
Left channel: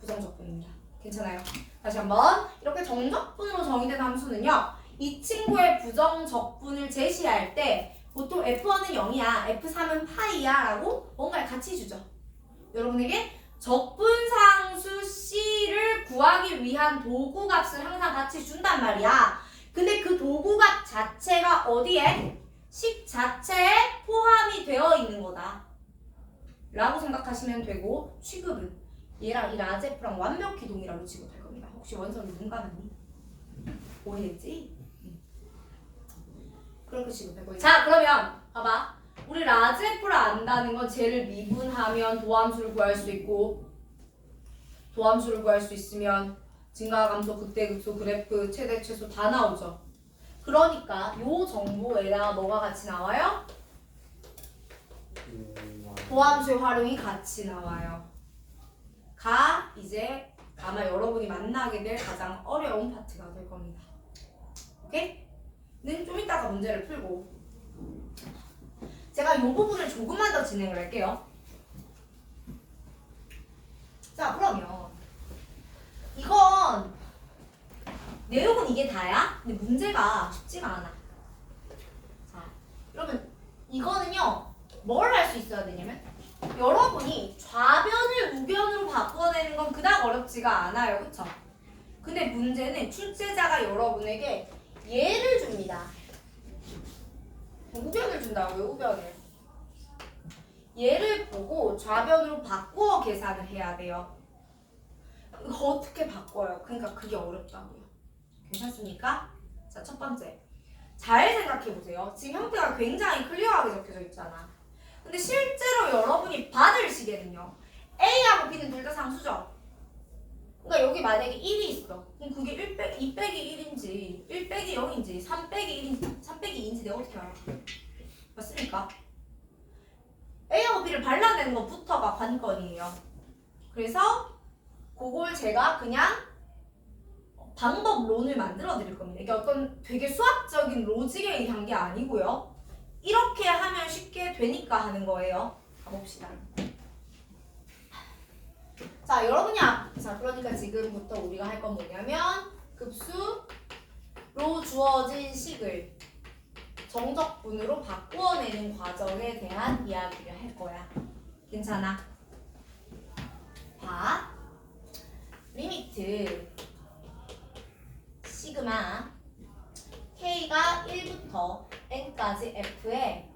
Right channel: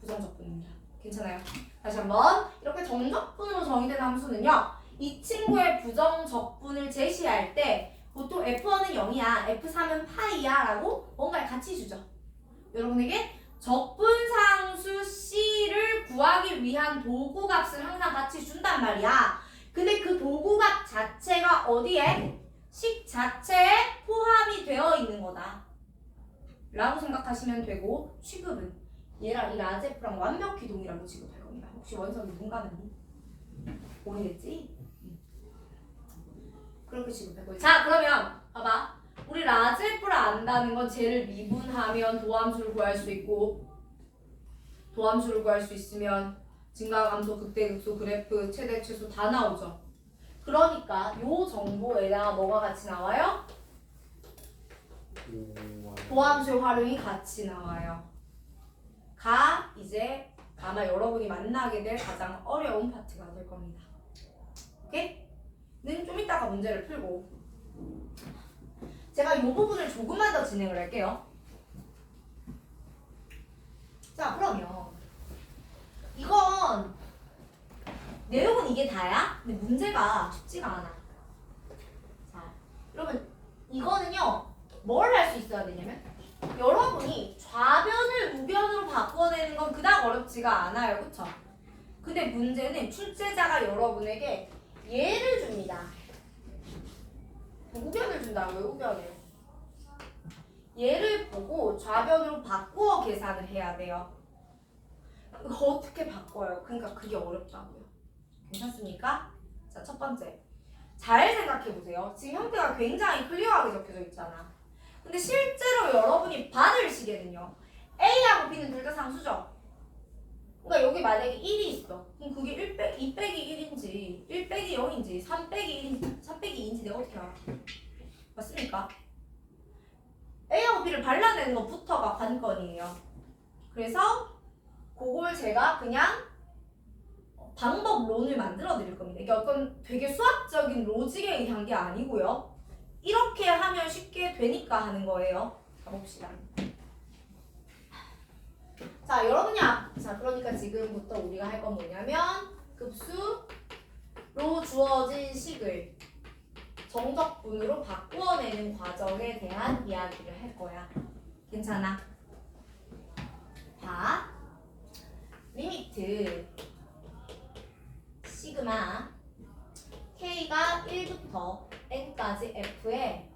부정적분입니다. 괜찮아요? 다시 한번 이렇게 정적분으로 정의된 함수는요. 이 친구의 부정적분을 제시할 때 보통 F1은 0이야, F3은 파이야 라고 뭔가를 같이 주죠. 여러분에게 적분상수 C를 구하기 위한 도구값을 항상 같이 준단 말이야. 근데 그 도구값 자체가 어디에? 식 자체에 포함이 되어 있는 거다 라고 생각하시면 되고, 취급은 얘랑 이 라지 F랑 완벽히 동일하로 취급할 겁니다. 혹시 원석이 눈 감았니? 오해했지? 그렇게 취급할 거예요. 자, 그러면 봐봐. 우리 라지 F를 안다는 건 쟤를 미분하면 도함수를 구할 수 있고, 도함수를 구할 수 있으면 증가감소, 극대극소, 그래프, 최대, 최소 다 나오죠. 그러니까 요 정보에다가 뭐가 같이 나와요? 도함수의 활용이 같이 나와요. 가 이제 아마 여러분이 만나게 될 가장 어려운 파트가 될 겁니다. 오케이? 는 좀 이따가 문제를 풀고 제가 이 부분을 조금만 더 진행을 할게요. 자, 그러면 이건 내용은 이게 다야? 근데 문제가 쉽지가 않아. 자, 여러분 이거는요 뭘 할 수 있어야 되냐면 여러분이 좌변을 우변으로 바꿔내는 건 그닥 어렵지가 않아요. 그쵸? 근데 문제는 출제자가 여러분에게 얘를 줍니다. 우변을 준다고요, 우변을. 얘를 보고 좌변으로 바꾸어 계산을 해야 돼요. 이거 어떻게 바꿔요? 그러니까 그게 어렵다고요. 괜찮습니까? 자, 첫 번째. 잘 생각해보세요. 지금 형태가 굉장히 클리어하게 적혀져 있잖아. 근데 실제로 여러분이 받을 시계는요. A하고 B는 둘 다 상수죠. 그러니까 여기 만약에 1이 있어. 그럼 그게 2 빼기 1인지 1 빼기 0인지 3 빼기 1인지 3 빼기 2인지 내가 어떻게 알아? 맞습니까? A하고 B를 발라내는 것부터가 관건이에요. 그래서 그걸 제가 그냥 방법론을 만들어 드릴 겁니다. 이게 어떤 되게 수학적인 로직에 의한 게 아니고요. 이렇게 하면 쉽게 되니까 하는 거예요. 가봅시다. 자, 여러분이 자, 그러니까 지금부터 우리가 할 건 뭐냐면 급수로 주어진 식을 정적분으로 바꾸어내는 과정에 대한 이야기를 할 거야. 괜찮아? 봐. 리미트 시그마 K가 1부터 N까지 F에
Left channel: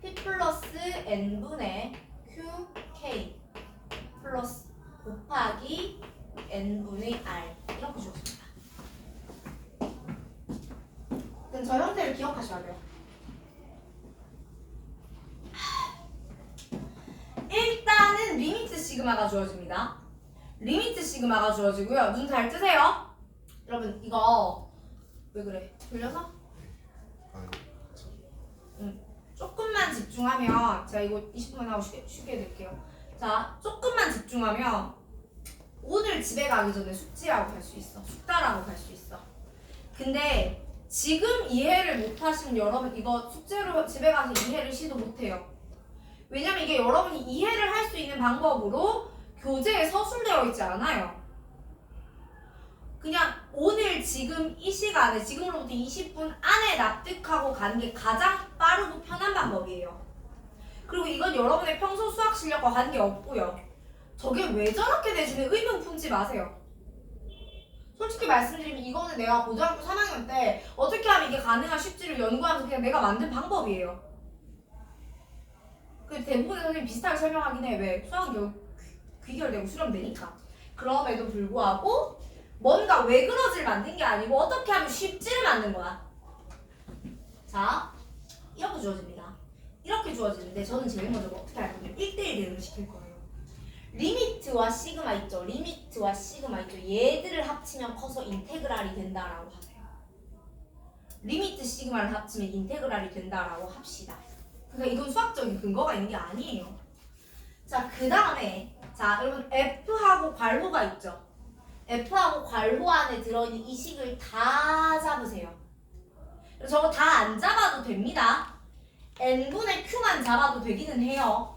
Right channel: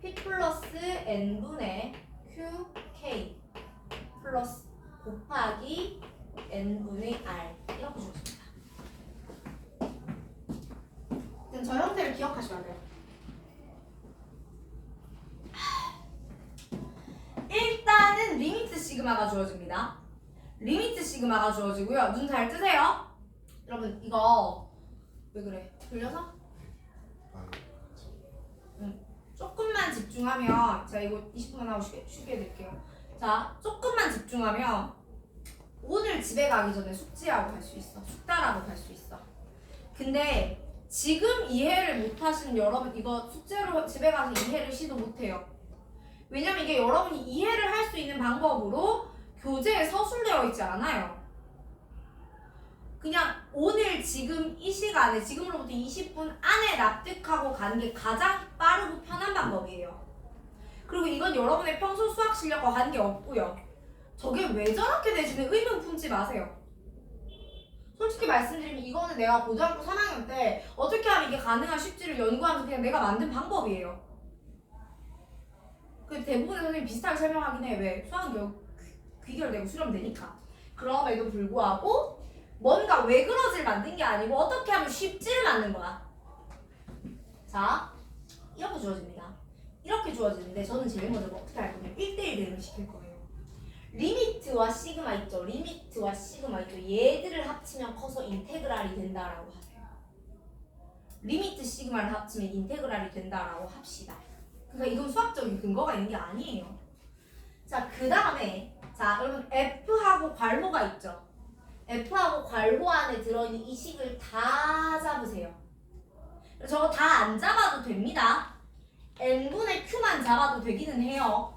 P 플러스 N분의 QK 플러스 곱하기 N분의 R 이렇게 주었습니다. 저 형태를 기억하셔야 돼요. 일단은 리미트 시그마가 주어집니다. 리미트 시그마가 주어지고요. 눈 잘 뜨세요. 여러분 이거 왜 그래? 졸려서? 조금만 집중하면 제가 이거 20분만 하고 쉬게 해드릴게요. 자, 조금만 집중하면 오늘 집에 가기 전에 숙제하고 갈 수 있어. 숙달하고 갈 수 있어. 근데 지금 이해를 못하시면 여러분 이거 숙제로 집에 가서 이해를 시도 못해요. 왜냐면 이게 여러분이 이해를 할 수 있는 방법으로 교재에 서술되어 있지 않아요. 그냥 오늘 지금 이 시간에 지금으로부터 20분 안에 납득하고 가는 게 가장 빠르고 편한 방법이에요. 그리고 이건 여러분의 평소 수학 실력과 관계없고요. 저게 왜 저렇게 되지는 의문 품지 마세요. 솔직히 말씀드리면 이거는 내가 고등학교 3학년 때 어떻게 하면 이게 가능한 쉽지를 연구하면서 그냥 내가 만든 방법이에요. 그 대부분의 선생님이 비슷하게 설명하긴 해. 왜? 수학은 귀결되고 수렴되니까. 그럼에도 불구하고 뭔가 왜 그러지를 만든 게 아니고 어떻게 하면 쉽지를 만든 거야. 자, 이렇게 주어집니다. 이렇게 주어지는데 저는 제일 먼저 어떻게 할 거냐면 1대1 대응을 시킬 거예요. 리미트와 시그마 있죠. 리미트와 시그마 있죠. 얘들을 합치면 커서 인테그랄이 된다라고 하세요. 리미트 시그마를 합치면 인테그랄이 된다라고 합시다. 그러니까 이건 수학적인 근거가 있는 게 아니에요. 자, 그 다음에 자, 여러분 F하고 괄호가 있죠. F하고 괄호 안에 들어있는 이 식을 다 잡으세요. 저거 다 안 잡아도 됩니다. n분의 q만 잡아도 되기는 해요.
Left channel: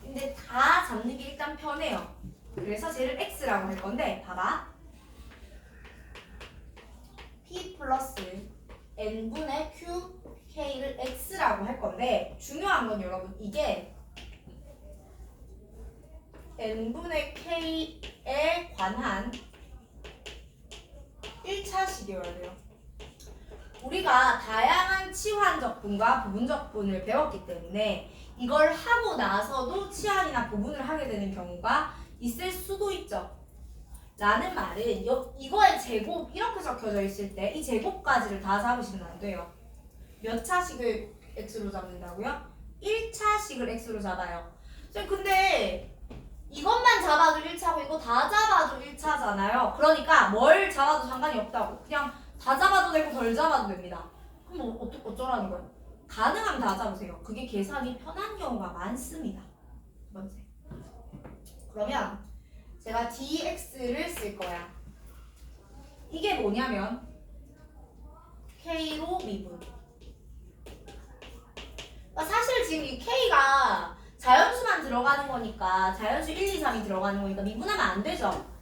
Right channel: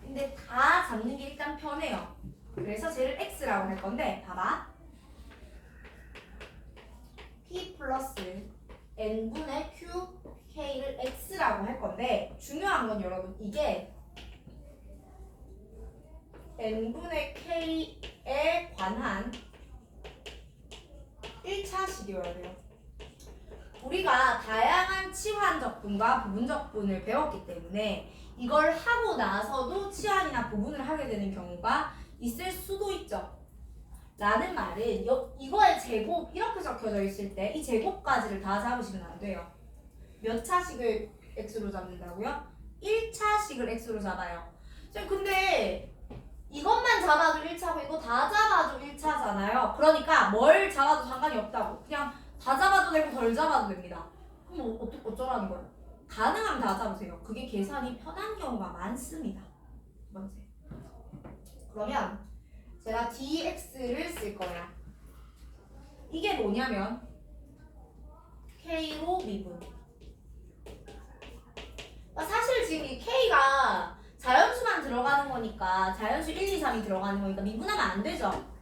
근데 다 잡는 게 일단 편해요. 그래서 쟤를 x라고 할 건데 봐봐. p 플러스 n분의 q k를 x라고 할 건데 중요한 건 여러분 이게 n분의 k에 관한 1차식이어야 돼요. 우리가 다양한 치환적분과 부분적분을 배웠기 때문에 이걸 하고 나서도 치환이나 부분을 하게 되는 경우가 있을 수도 있죠. 라는 말은 이거의 제곱 이렇게 적혀져 있을 때 이 제곱까지를 다 잡으시면 안 돼요. 몇 차식을 x로 잡는다고요? 1차식을 x로 잡아요. 근데 이것만 잡아도 1차고 이거 다 잡아도 1차잖아요. 그러니까 뭘 잡아도 상관이 없다고. 그냥 다 잡아도 되고 덜 잡아도 됩니다. 그럼 어쩌라는 거예요? 가능하면 다 잡으세요. 그게 계산이 편한 경우가 많습니다. 두 번째. 그러면 제가 dx를 쓸 거야. 이게 뭐냐면 k로 미분. 그러니까 사실 지금 이 k가 자연수만 들어가는 거니까 자연수 1, 2, 3이 들어가는 거니까 미분하면 안 되죠.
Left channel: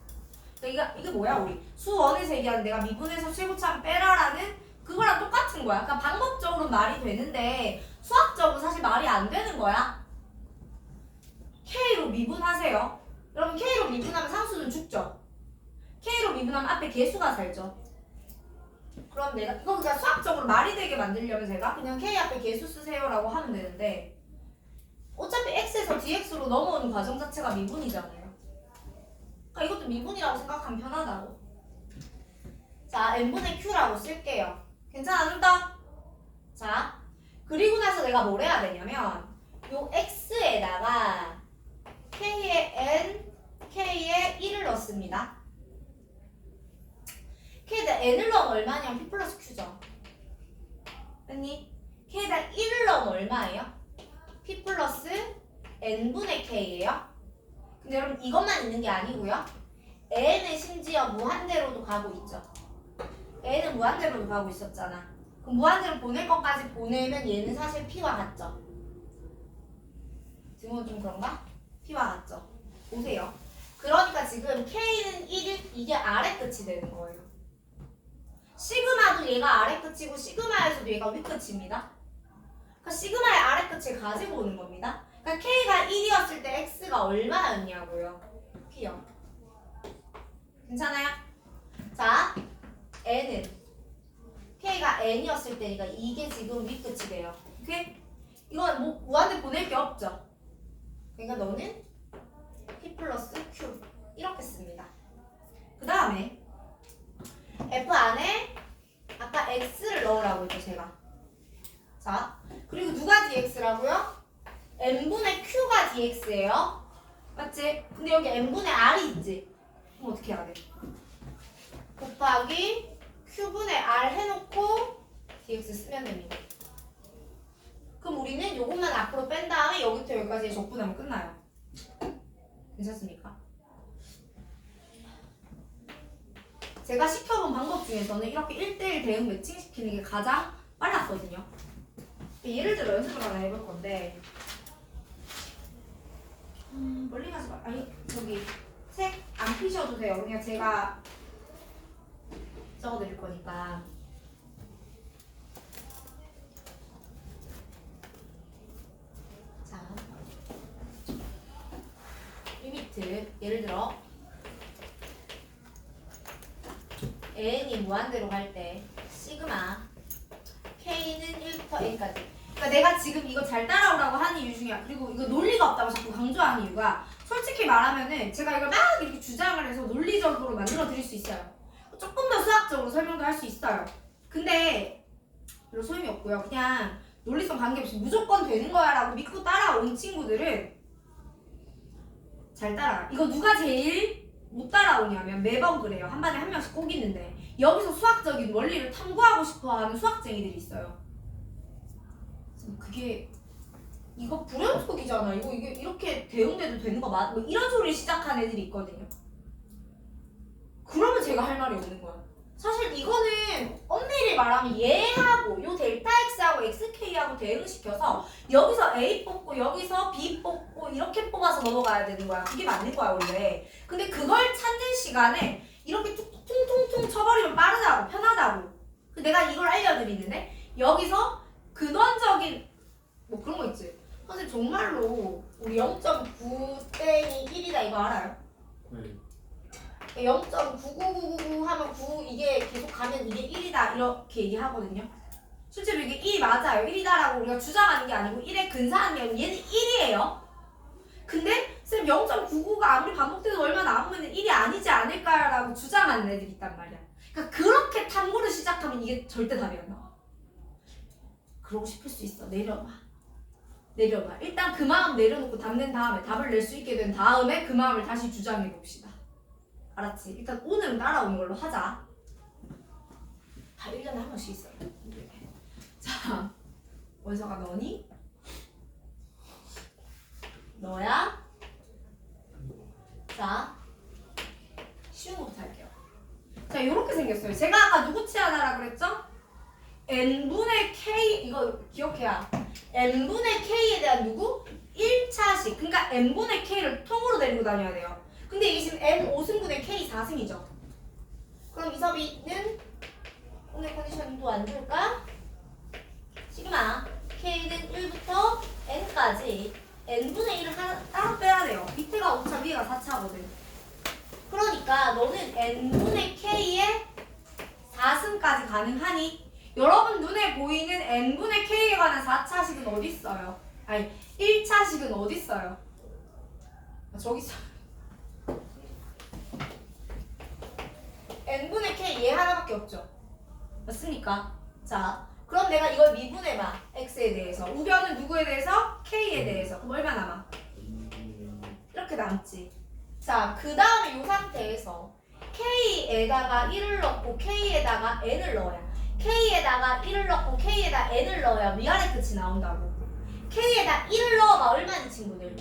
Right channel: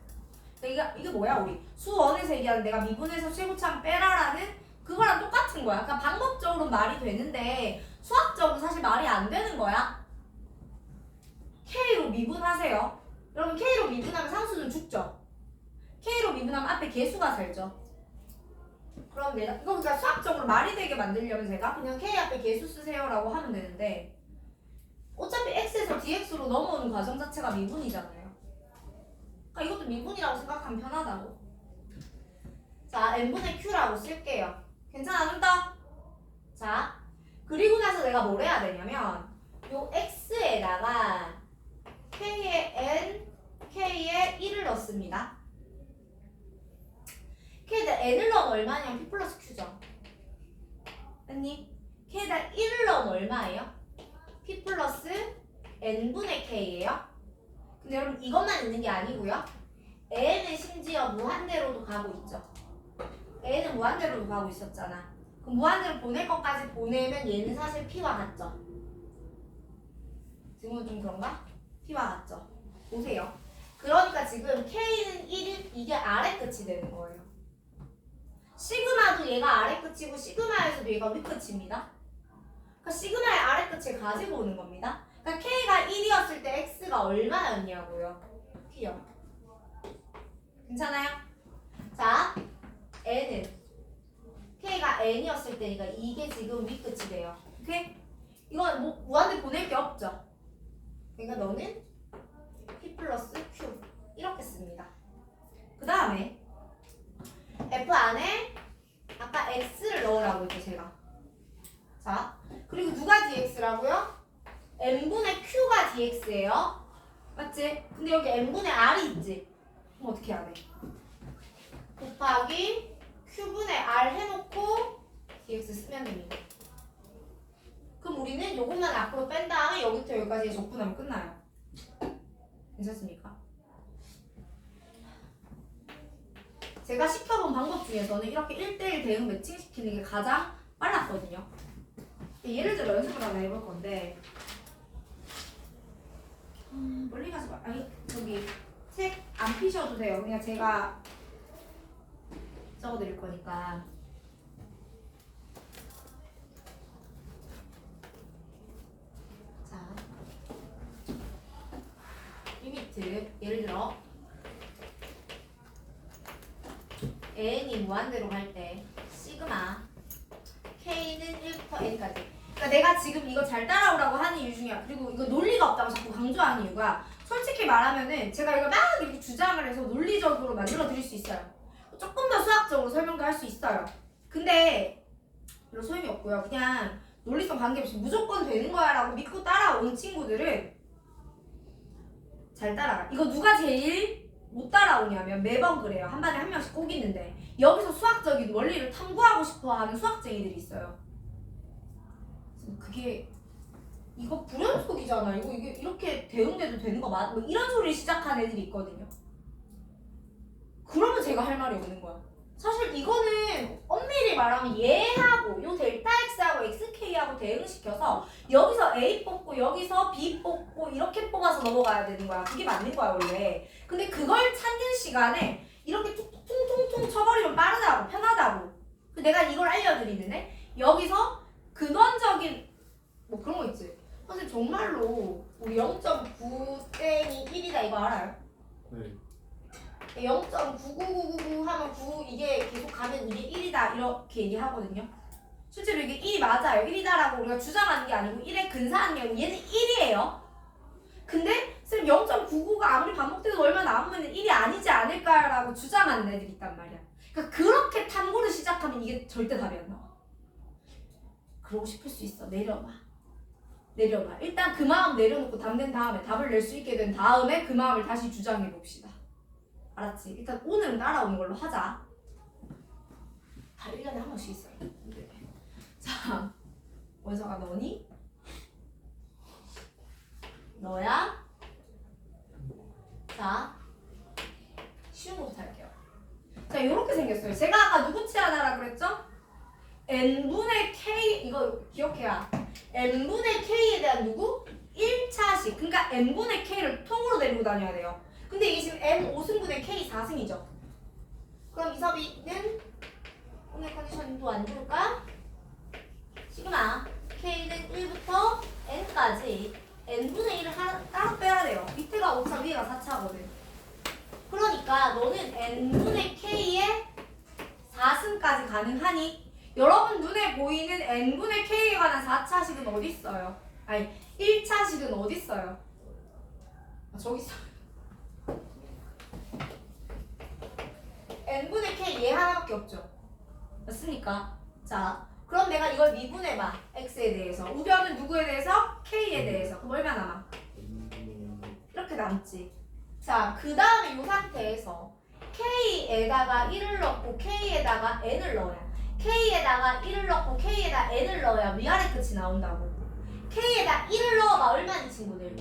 그러니까 이게 뭐야 우리 수원에서 얘기하는 내가 미분해서 최고참 빼라라는 그거랑 똑같은 거야. 그러니까 방법적으로 말이 되는데 수학적으로 사실 말이 안 되는 거야. K로 미분하세요. 여러분 K로 미분하면 상수는 죽죠. K로 미분하면 앞에 개수가 살죠. 그럼 내가 이거 그러니까 수학적으로 말이 되게 만들려면 제가 그냥 K 앞에 개수 쓰세요라고 하면 되는데 어차피 X에서 DX로 넘어오는 과정 자체가 미분이잖아요. 그러니까 이것도 미분이라고 생각하면 편하다고. 자, n분의 q라고 쓸게요. 괜찮아, 눈떠? 자, 그리고 나서 내가 뭘 해야 되냐면 요 x에다가 k의 n, k의 1을 넣습니다. k에다 n을 넣으면 얼마냐면 p 플러스 q죠. 언니, k에다 1을 넣으면 얼마예요? p 플러스 n분의 k예요. 근데 여러분 이것만 있는 게 아니고요. n은 심지어 무한대로도 가고 있죠. n은 무한대로도 가고 있었잖아. 그럼 무한대로 보낼 것까지 보내면 얘는 사실 p와 같죠. 지금은 좀 그런가? p와 같죠. 보세요. 그러니까 지금 k는 1이 이게 아래 끝이 되는 거예요. 시그마도 얘가 아래 끝이고 시그마에서도 얘가 위 끝입니다. 그러니까 시그마의 아래 끝을 가지고 오는 겁니다. 그러니까 k가 1이었을 때 x가 얼마였냐고요? p요. 괜찮아요? 자, n은 k가 n이었을 때니까 이게 지금 윗끝이 돼요. 오케이? 이건 뭐 무한대 보낼 게 없죠. 그러니까 너는 p 플러스 q 이렇게 씁니다. 그 다음에 f 안에 아까 x를 넣으라고 했죠 제가. 자, 그리고 누가 dx라고요? n분의 q가 dx예요. 맞지? 근데 여기 n분의 r이 있지? 그럼 어떻게 해야 돼? 곱하기 q분의 r 해놓고 dx 쓰면 됩니다. 그럼 우리는 요것만 앞으로 뺀 다음에 여기부터 여기까지 적분하면 끝나요. 괜찮습니까? 제가 시켜본 방법 중에서는 이렇게 1대1 대응 매칭시키는 게 가장 빨랐거든요. 예를 들어 연습을 하나 해볼 건데 멀리 가지 마. 아니 저기 책 안 피셔도 돼요. 그냥 제가 적어드릴 거니까. 자, 리미트 예를 들어 n이 무한대로 갈 때 시그마 k는 1부터 n까지. 그러니까 내가 지금 이거 잘 따라오라고 하는 이유 중에 그리고 이거 논리가 없다고 자꾸 강조하는 이유가 솔직히 말하면은 제가 이걸 막 이렇게 주장을 해서 논리적으로 만들어 드릴 수 있어요. 조금 더 수학적으로 설명도 할 수 있어요. 근데 별로 소용이 없고요. 그냥 논리성 관계없이 무조건 되는 거야 라고 믿고 따라온 친구들은 잘 따라가. 이거 누가 제일 못 따라오냐면 매번 그래요. 한 반에 한 명씩 꼭 있는데 여기서 수학적인 원리를 탐구하고 싶어하는 수학쟁이들이 있어요. 그게 이거 불연속이잖아. 이게 이렇게 대응돼도 되는 거 맞? 뭐 이런 소리를 시작한 애들이 있거든요. 그러면 제가 할 말이 없는 거야. 사실 이거는 엄밀히 엄밀히 말하면 얘하고 요 델타 x하고 xk하고 대응시켜서 여기서 a 뽑고 여기서 b 뽑고 이렇게 뽑아서 넘어가야 되는 거야. 그게 맞는 거야 원래. 근데 그걸 찾는 시간에 이렇게 퉁퉁퉁퉁 쳐버리면 빠르다고 편하다고. 내가 이걸 알려드리는데 여기서 근원적인 뭐 그런 거 있지. 선생님 정말로 우리 0.9 땡이 1이다 이거 알아요? 네. 0.99999 하면 9 이게 계속 가면 이게 1이다 이렇게 얘기하거든요. 실제로 이게 1이 맞아요. 1이다라고 우리가 주장하는 게 아니고 1에 근사한 게 아니고 얘는 1이에요. 근데 쌤 0.99가 아무리 반복돼도 얼마 남으면 1이 아니지 않을까라고 주장하는 애들이 있단 말이야. 그러니까 그렇게 탐구를 시작하면 이게 절대 답이 안 나와. 그러고 싶을 수 있어. 내려봐. 일단 그 마음 내려놓고 답 낸 다음에 답을 낼 수 있게 된 다음에 그 마음을 다시 주장해 봅시다. 알았지? 일단 오늘은 따라오는 걸로 하자. 다 1년에 한 번씩 있어요. 자, 원서가 너니? 너야? 자, 쉬운 거부터 할게요. 자, 요렇게 생겼어요. 제가 아까 누구 치하나라 그랬죠? n분의 k, 이거 기억해야. n분의 k에 대한 누구? 1차식. 그러니까 n분의 k를 통으로 데리고 다녀야 돼요. 근데 이게 지금 n 5승분의 k 4승이죠. 그럼 이섭이는 오늘 컨디션도 안 좋을까? 시그마 k는 1부터 n까지 n분의 1을 따로 빼야 돼요. 밑에가 5차, 위에가 4차거든. 그러니까 너는 n분의 k의 4승까지 가능하니? 여러분 눈에 보이는 n분의 k에 관한 4차식은 어디 있어요? 아니 1차식은 어디 있어요? 저기 있어요. n분의 k 얘 하나밖에 없죠. 맞습니까? 자, 그럼 내가 이걸 미분해봐. x에 대해서. 우변은 누구에 대해서? k에 대해서. 그럼 얼마 남아? 이렇게 남지. 자, 그 다음에 이 상태에서 k에다가 1을 넣고 k에다가 n을 넣어야. k에다가 1을 넣고 k에다 n을 넣어야 위아래 끝이 나온다고. k에다 1을 넣어봐. 얼마니 친구들?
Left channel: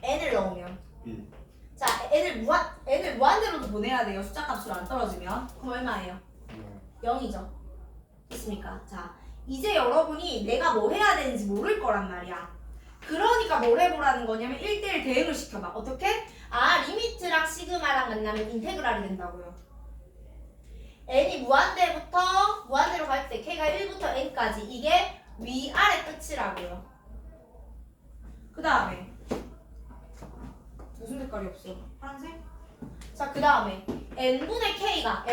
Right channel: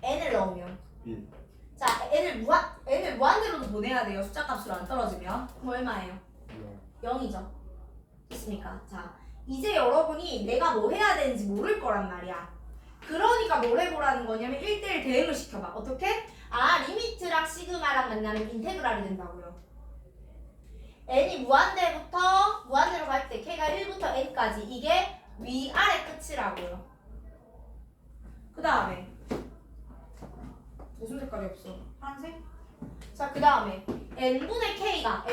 n을 넣으면. 자, n을 무한대로도 보내야 돼요. 숫자 값으로 안 떨어지면. 그럼 얼마예요? 0이죠. 됐습니까? 자, 이제 여러분이 내가 뭐 해야 되는지 모를 거란 말이야. 그러니까 뭘 해보라는 거냐면 1대1 대응을 시켜봐. 어떻게? 아, 리미트랑 시그마랑 만나면 인테그랄이 된다고요. n이 무한대로 갈 때 k가 1부터 n까지 이게 위아래 끝이라고요. 그 다음에 무슨 색깔이 없어? 파란색? 자, 그 다음에 n분의 k가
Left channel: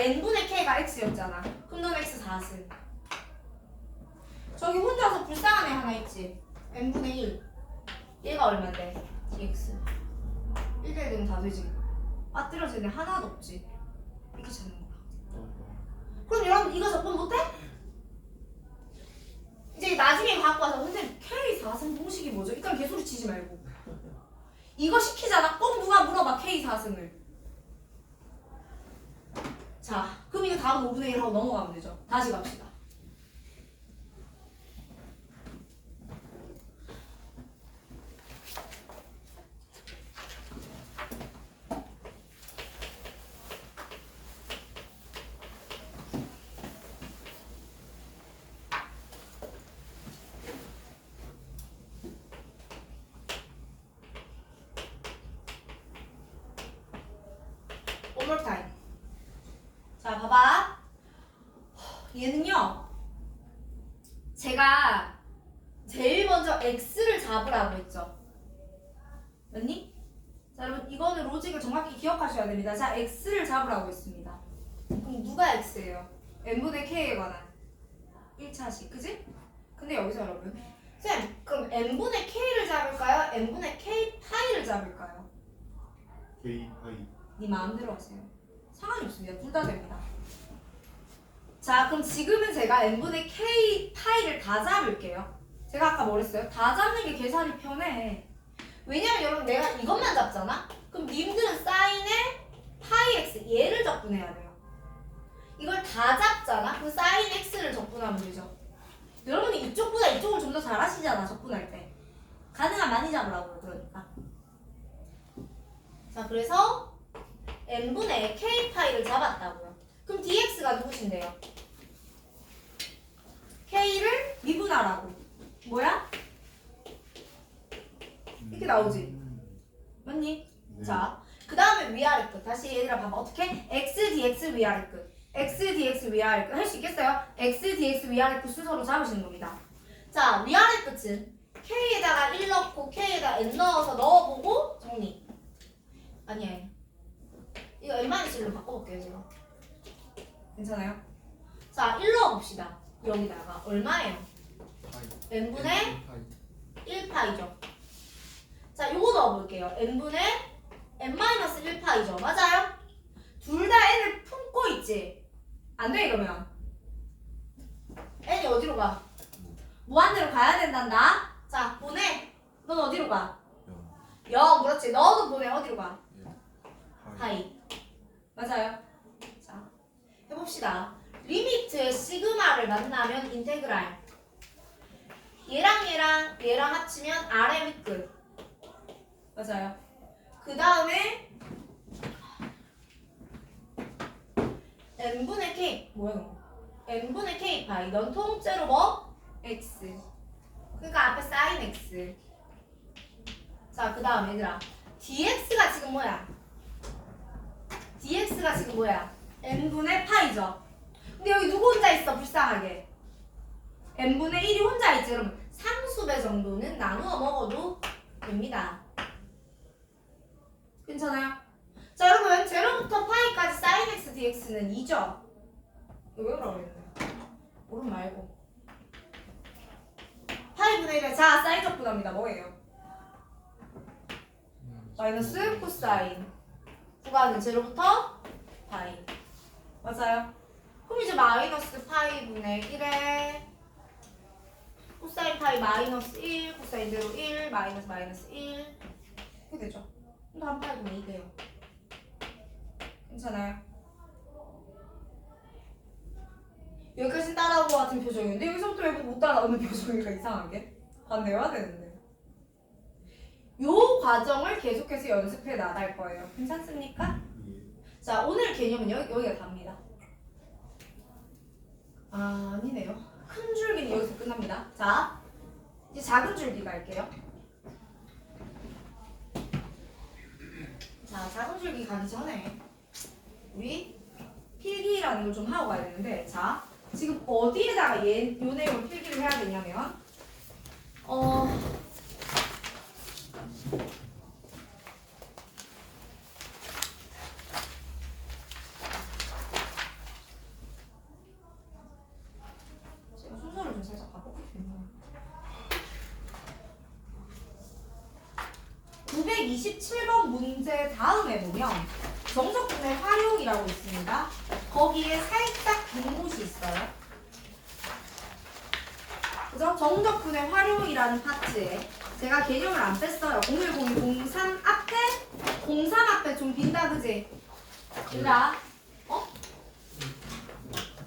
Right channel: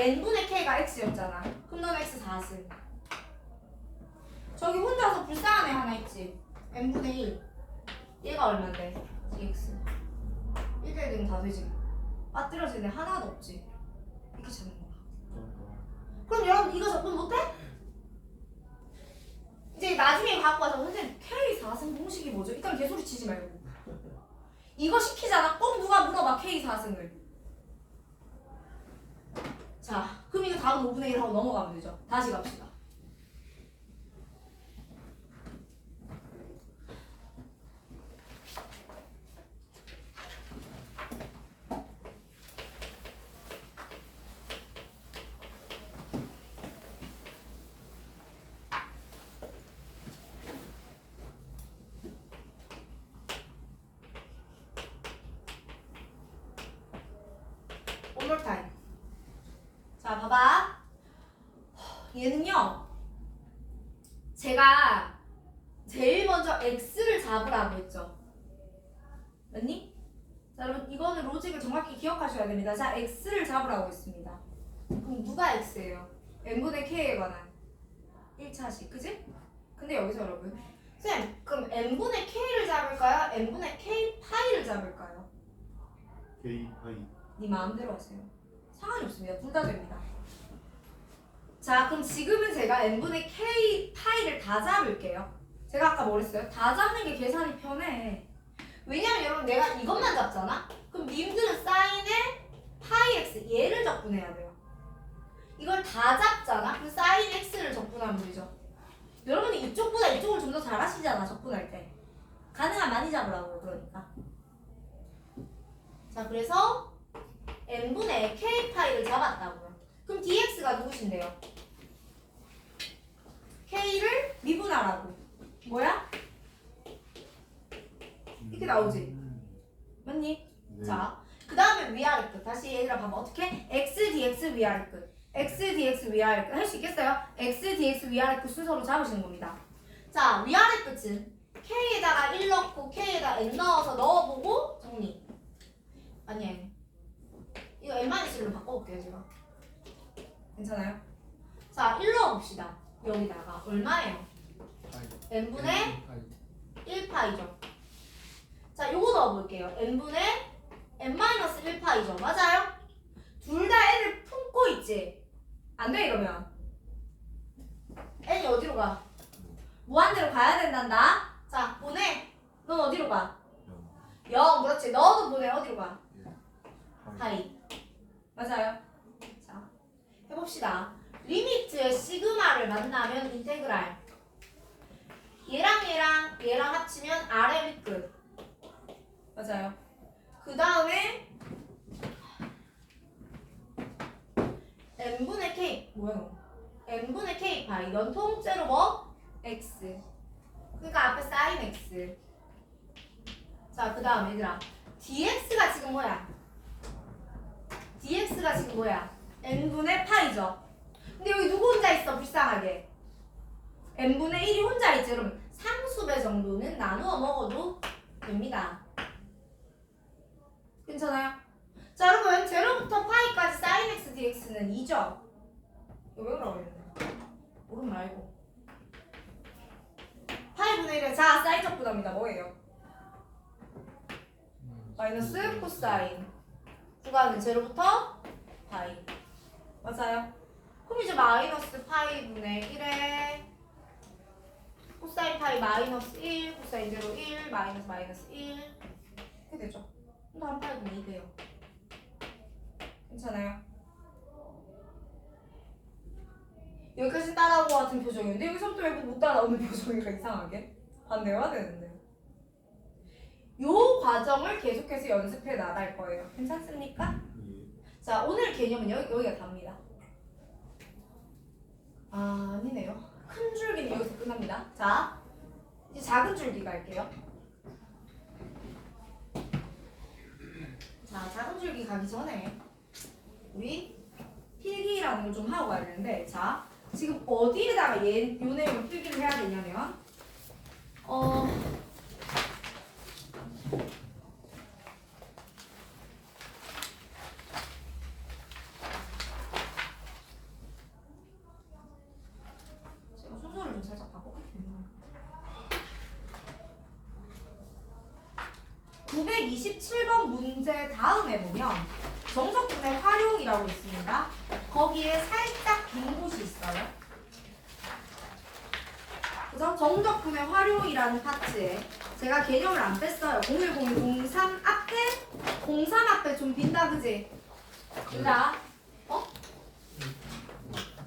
x였잖아. 그럼 넌 x 4승. 저기 혼자서 불쌍한 애 하나 있지? n분의 1. 얘가 얼만데? dx. 1대1 다 되지. 빠뜨려지는 애 하나도 없지. 이렇게 찾는 거야. 그럼 여러분 이거 접근 못해? 이제 나중에 갖고 와서 선생님 K 4승 공식이 뭐죠? 일단 개소리 치지 말고 이거 시키잖아. 꼭 누가 물어봐 K 4승을. 자, 그럼 이거 다음 5분의 1 하고 넘어가면 되죠. 다시 갑시다. One more time. 자, 봐봐. 얘는요. 제가 제일 먼저 x를 잡으라고 했죠. 맞니? 자, 여러분 이거는 로직을 정확히 기억하셔야 됩니다. 자, x를 잡으라고 했습니다. 그럼 누가 x예요? n분의 k에 관한 1차식, 그지? 근데 여기서 여러분 쌤, 그럼 n분의 k를 잡을까요? n분의 k 파이를 잡을까요? K 파이. 네 마음대로 하세요. 상관이 없습니다. 둘 다 됩니다. 자, 그럼 지금은 제가 n분의 k 파이를 다 잡을게요. 제가 아까 뭐랬어요? 다 잡는 게 계산이 편해. 왜냐면 여러분 내가 이것만 잡잖아? 그럼 님들은 사인에 파이 x 얘를 적분해야 돼요. 이걸 다 잡잖아? 그럼 사인 x를 적분하면 되죠. 여러분이 이쪽보다 이쪽을 좀 더 잘하시잖아, 적분할 때. 가능한 많이 잡으라고요, 그러니까. 자, 그래서 n분의 k 파이를 잡았다고요. 그럼 dx가 누구신데요? k를 미분하라고. 뭐야? 이렇게 나오지? 맞니? 네. 자, 그 다음에 위아래 끝. 다시 얘들아 봐봐. 어떻게? x dx 위아래 끝. x dx 위아래 끝. 할 수 있겠어요? x dx 위아래 끝 순서로 잡으시는 겁니다. 자, 위아래 끝은 k에다가 1 넣고 k에다 n 넣어서 넣어보고 정리. 아니야. 이거 n-1로 바꿔볼게요, 제가. 괜찮아요? 자, 1 넣어봅시다. 여기다가 얼마예요? n분의 1파이죠. 자, 요거 넣어볼게요. n분의 n-1파이죠. 맞아요? 둘 다 n을 품고 있지? 안 돼, 이러면. n이 어디로 가? 무한대로 가야 된단다. 자, 보내. 넌 어디로 가? 0. 그렇지. 너도 보내. 어디로 가? 파이. 맞아요. 자, 해봅시다. 리미트의 시그마를 만나면 인테그랄. 얘랑 합치면 아래 밑끝. 맞아요. 그 다음에 n분의 k. 뭐야 너? n분의 k 파이. 넌 통째로 뭐? x. 그러니까 앞에 sin x. 자, 그 다음 얘들아. dx가 지금 뭐야? dx가 지금 뭐야? n분의 파이죠. 근데 여기 누구 혼자 있어? 불쌍하게. n분의 1이 혼자 있지. 그러면 상수배 정도는 나누어 먹어도 됩니다. 괜찮아요? 자, 여러분 제로부터 파이까지 sin x dx는 2죠? 이거 외우라고 그랬네. 오른 말고. 파이분의 1의 자, 사인적 부담이다. 뭐예요? 마이너스 코사인. 구간은 제로부터 파이. 맞아요? 그럼 이제 마이너스 파이분의 1에 코사인 파이 마이너스 1, 코사인 제로 1, 마이너스 1 이렇게 되죠. 그럼 다음 파이분의 2 돼요. 괜찮아요? 여기까지 따라온 것 같은 표정인데 여기서부터 왜 못 따라오는 표정이니까 이상하게 반대해야 되는데 요 과정을 계속해서 연습해 나갈 거예요. 괜찮습니까? 자, 오늘 개념은 여기가 답니다. 아, 아니네요. 큰 줄기는 여기서 끝납니다. 자, 이제 작은 줄기 갈게요. 자, 작은 줄기 가기 전에 우리 필기라는 걸 좀 하고 가야 되는데, 자, 지금 어디에다가 요 내용을 필기를 해야 되냐면 제가 순서를 좀 살짝 바꿔볼게요. 927번 문제 다음에 보면 정석분의 활용이라고 있습니다. 거기에 살짝 빈 곳이 있어요. 그죠? 정적분의 활용이라는 파트에 제가 개념을 안 뺐어요. 0102 03 앞에 03 앞에 좀 빈다, 그지? 빈다.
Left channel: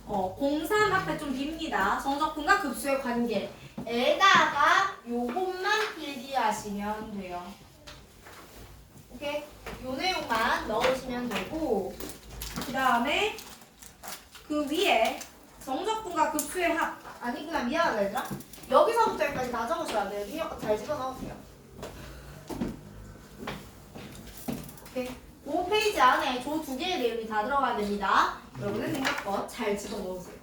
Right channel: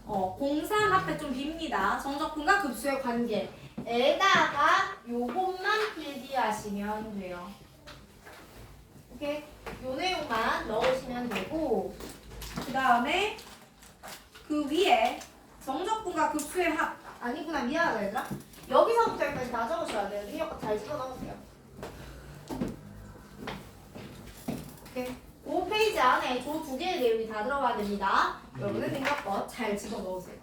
03 앞에 좀 빕니다. 정적분과 급수의 관계에다가 요것만 필기하시면 돼요. 오케이? 요 내용만 넣으시면 되고, 그 다음에 그 위에 정적분과 급수의 합. 아니구나, 미안하다 얘들아. 여기서부터 여기까지 다 적으셔야 돼요. 능력 잘 집어넣으세요. 오케이. 5페이지 안에 조 2개의 내용이 다 들어가야 됩니다. 여러분은 능력껏 잘 집어넣으세요.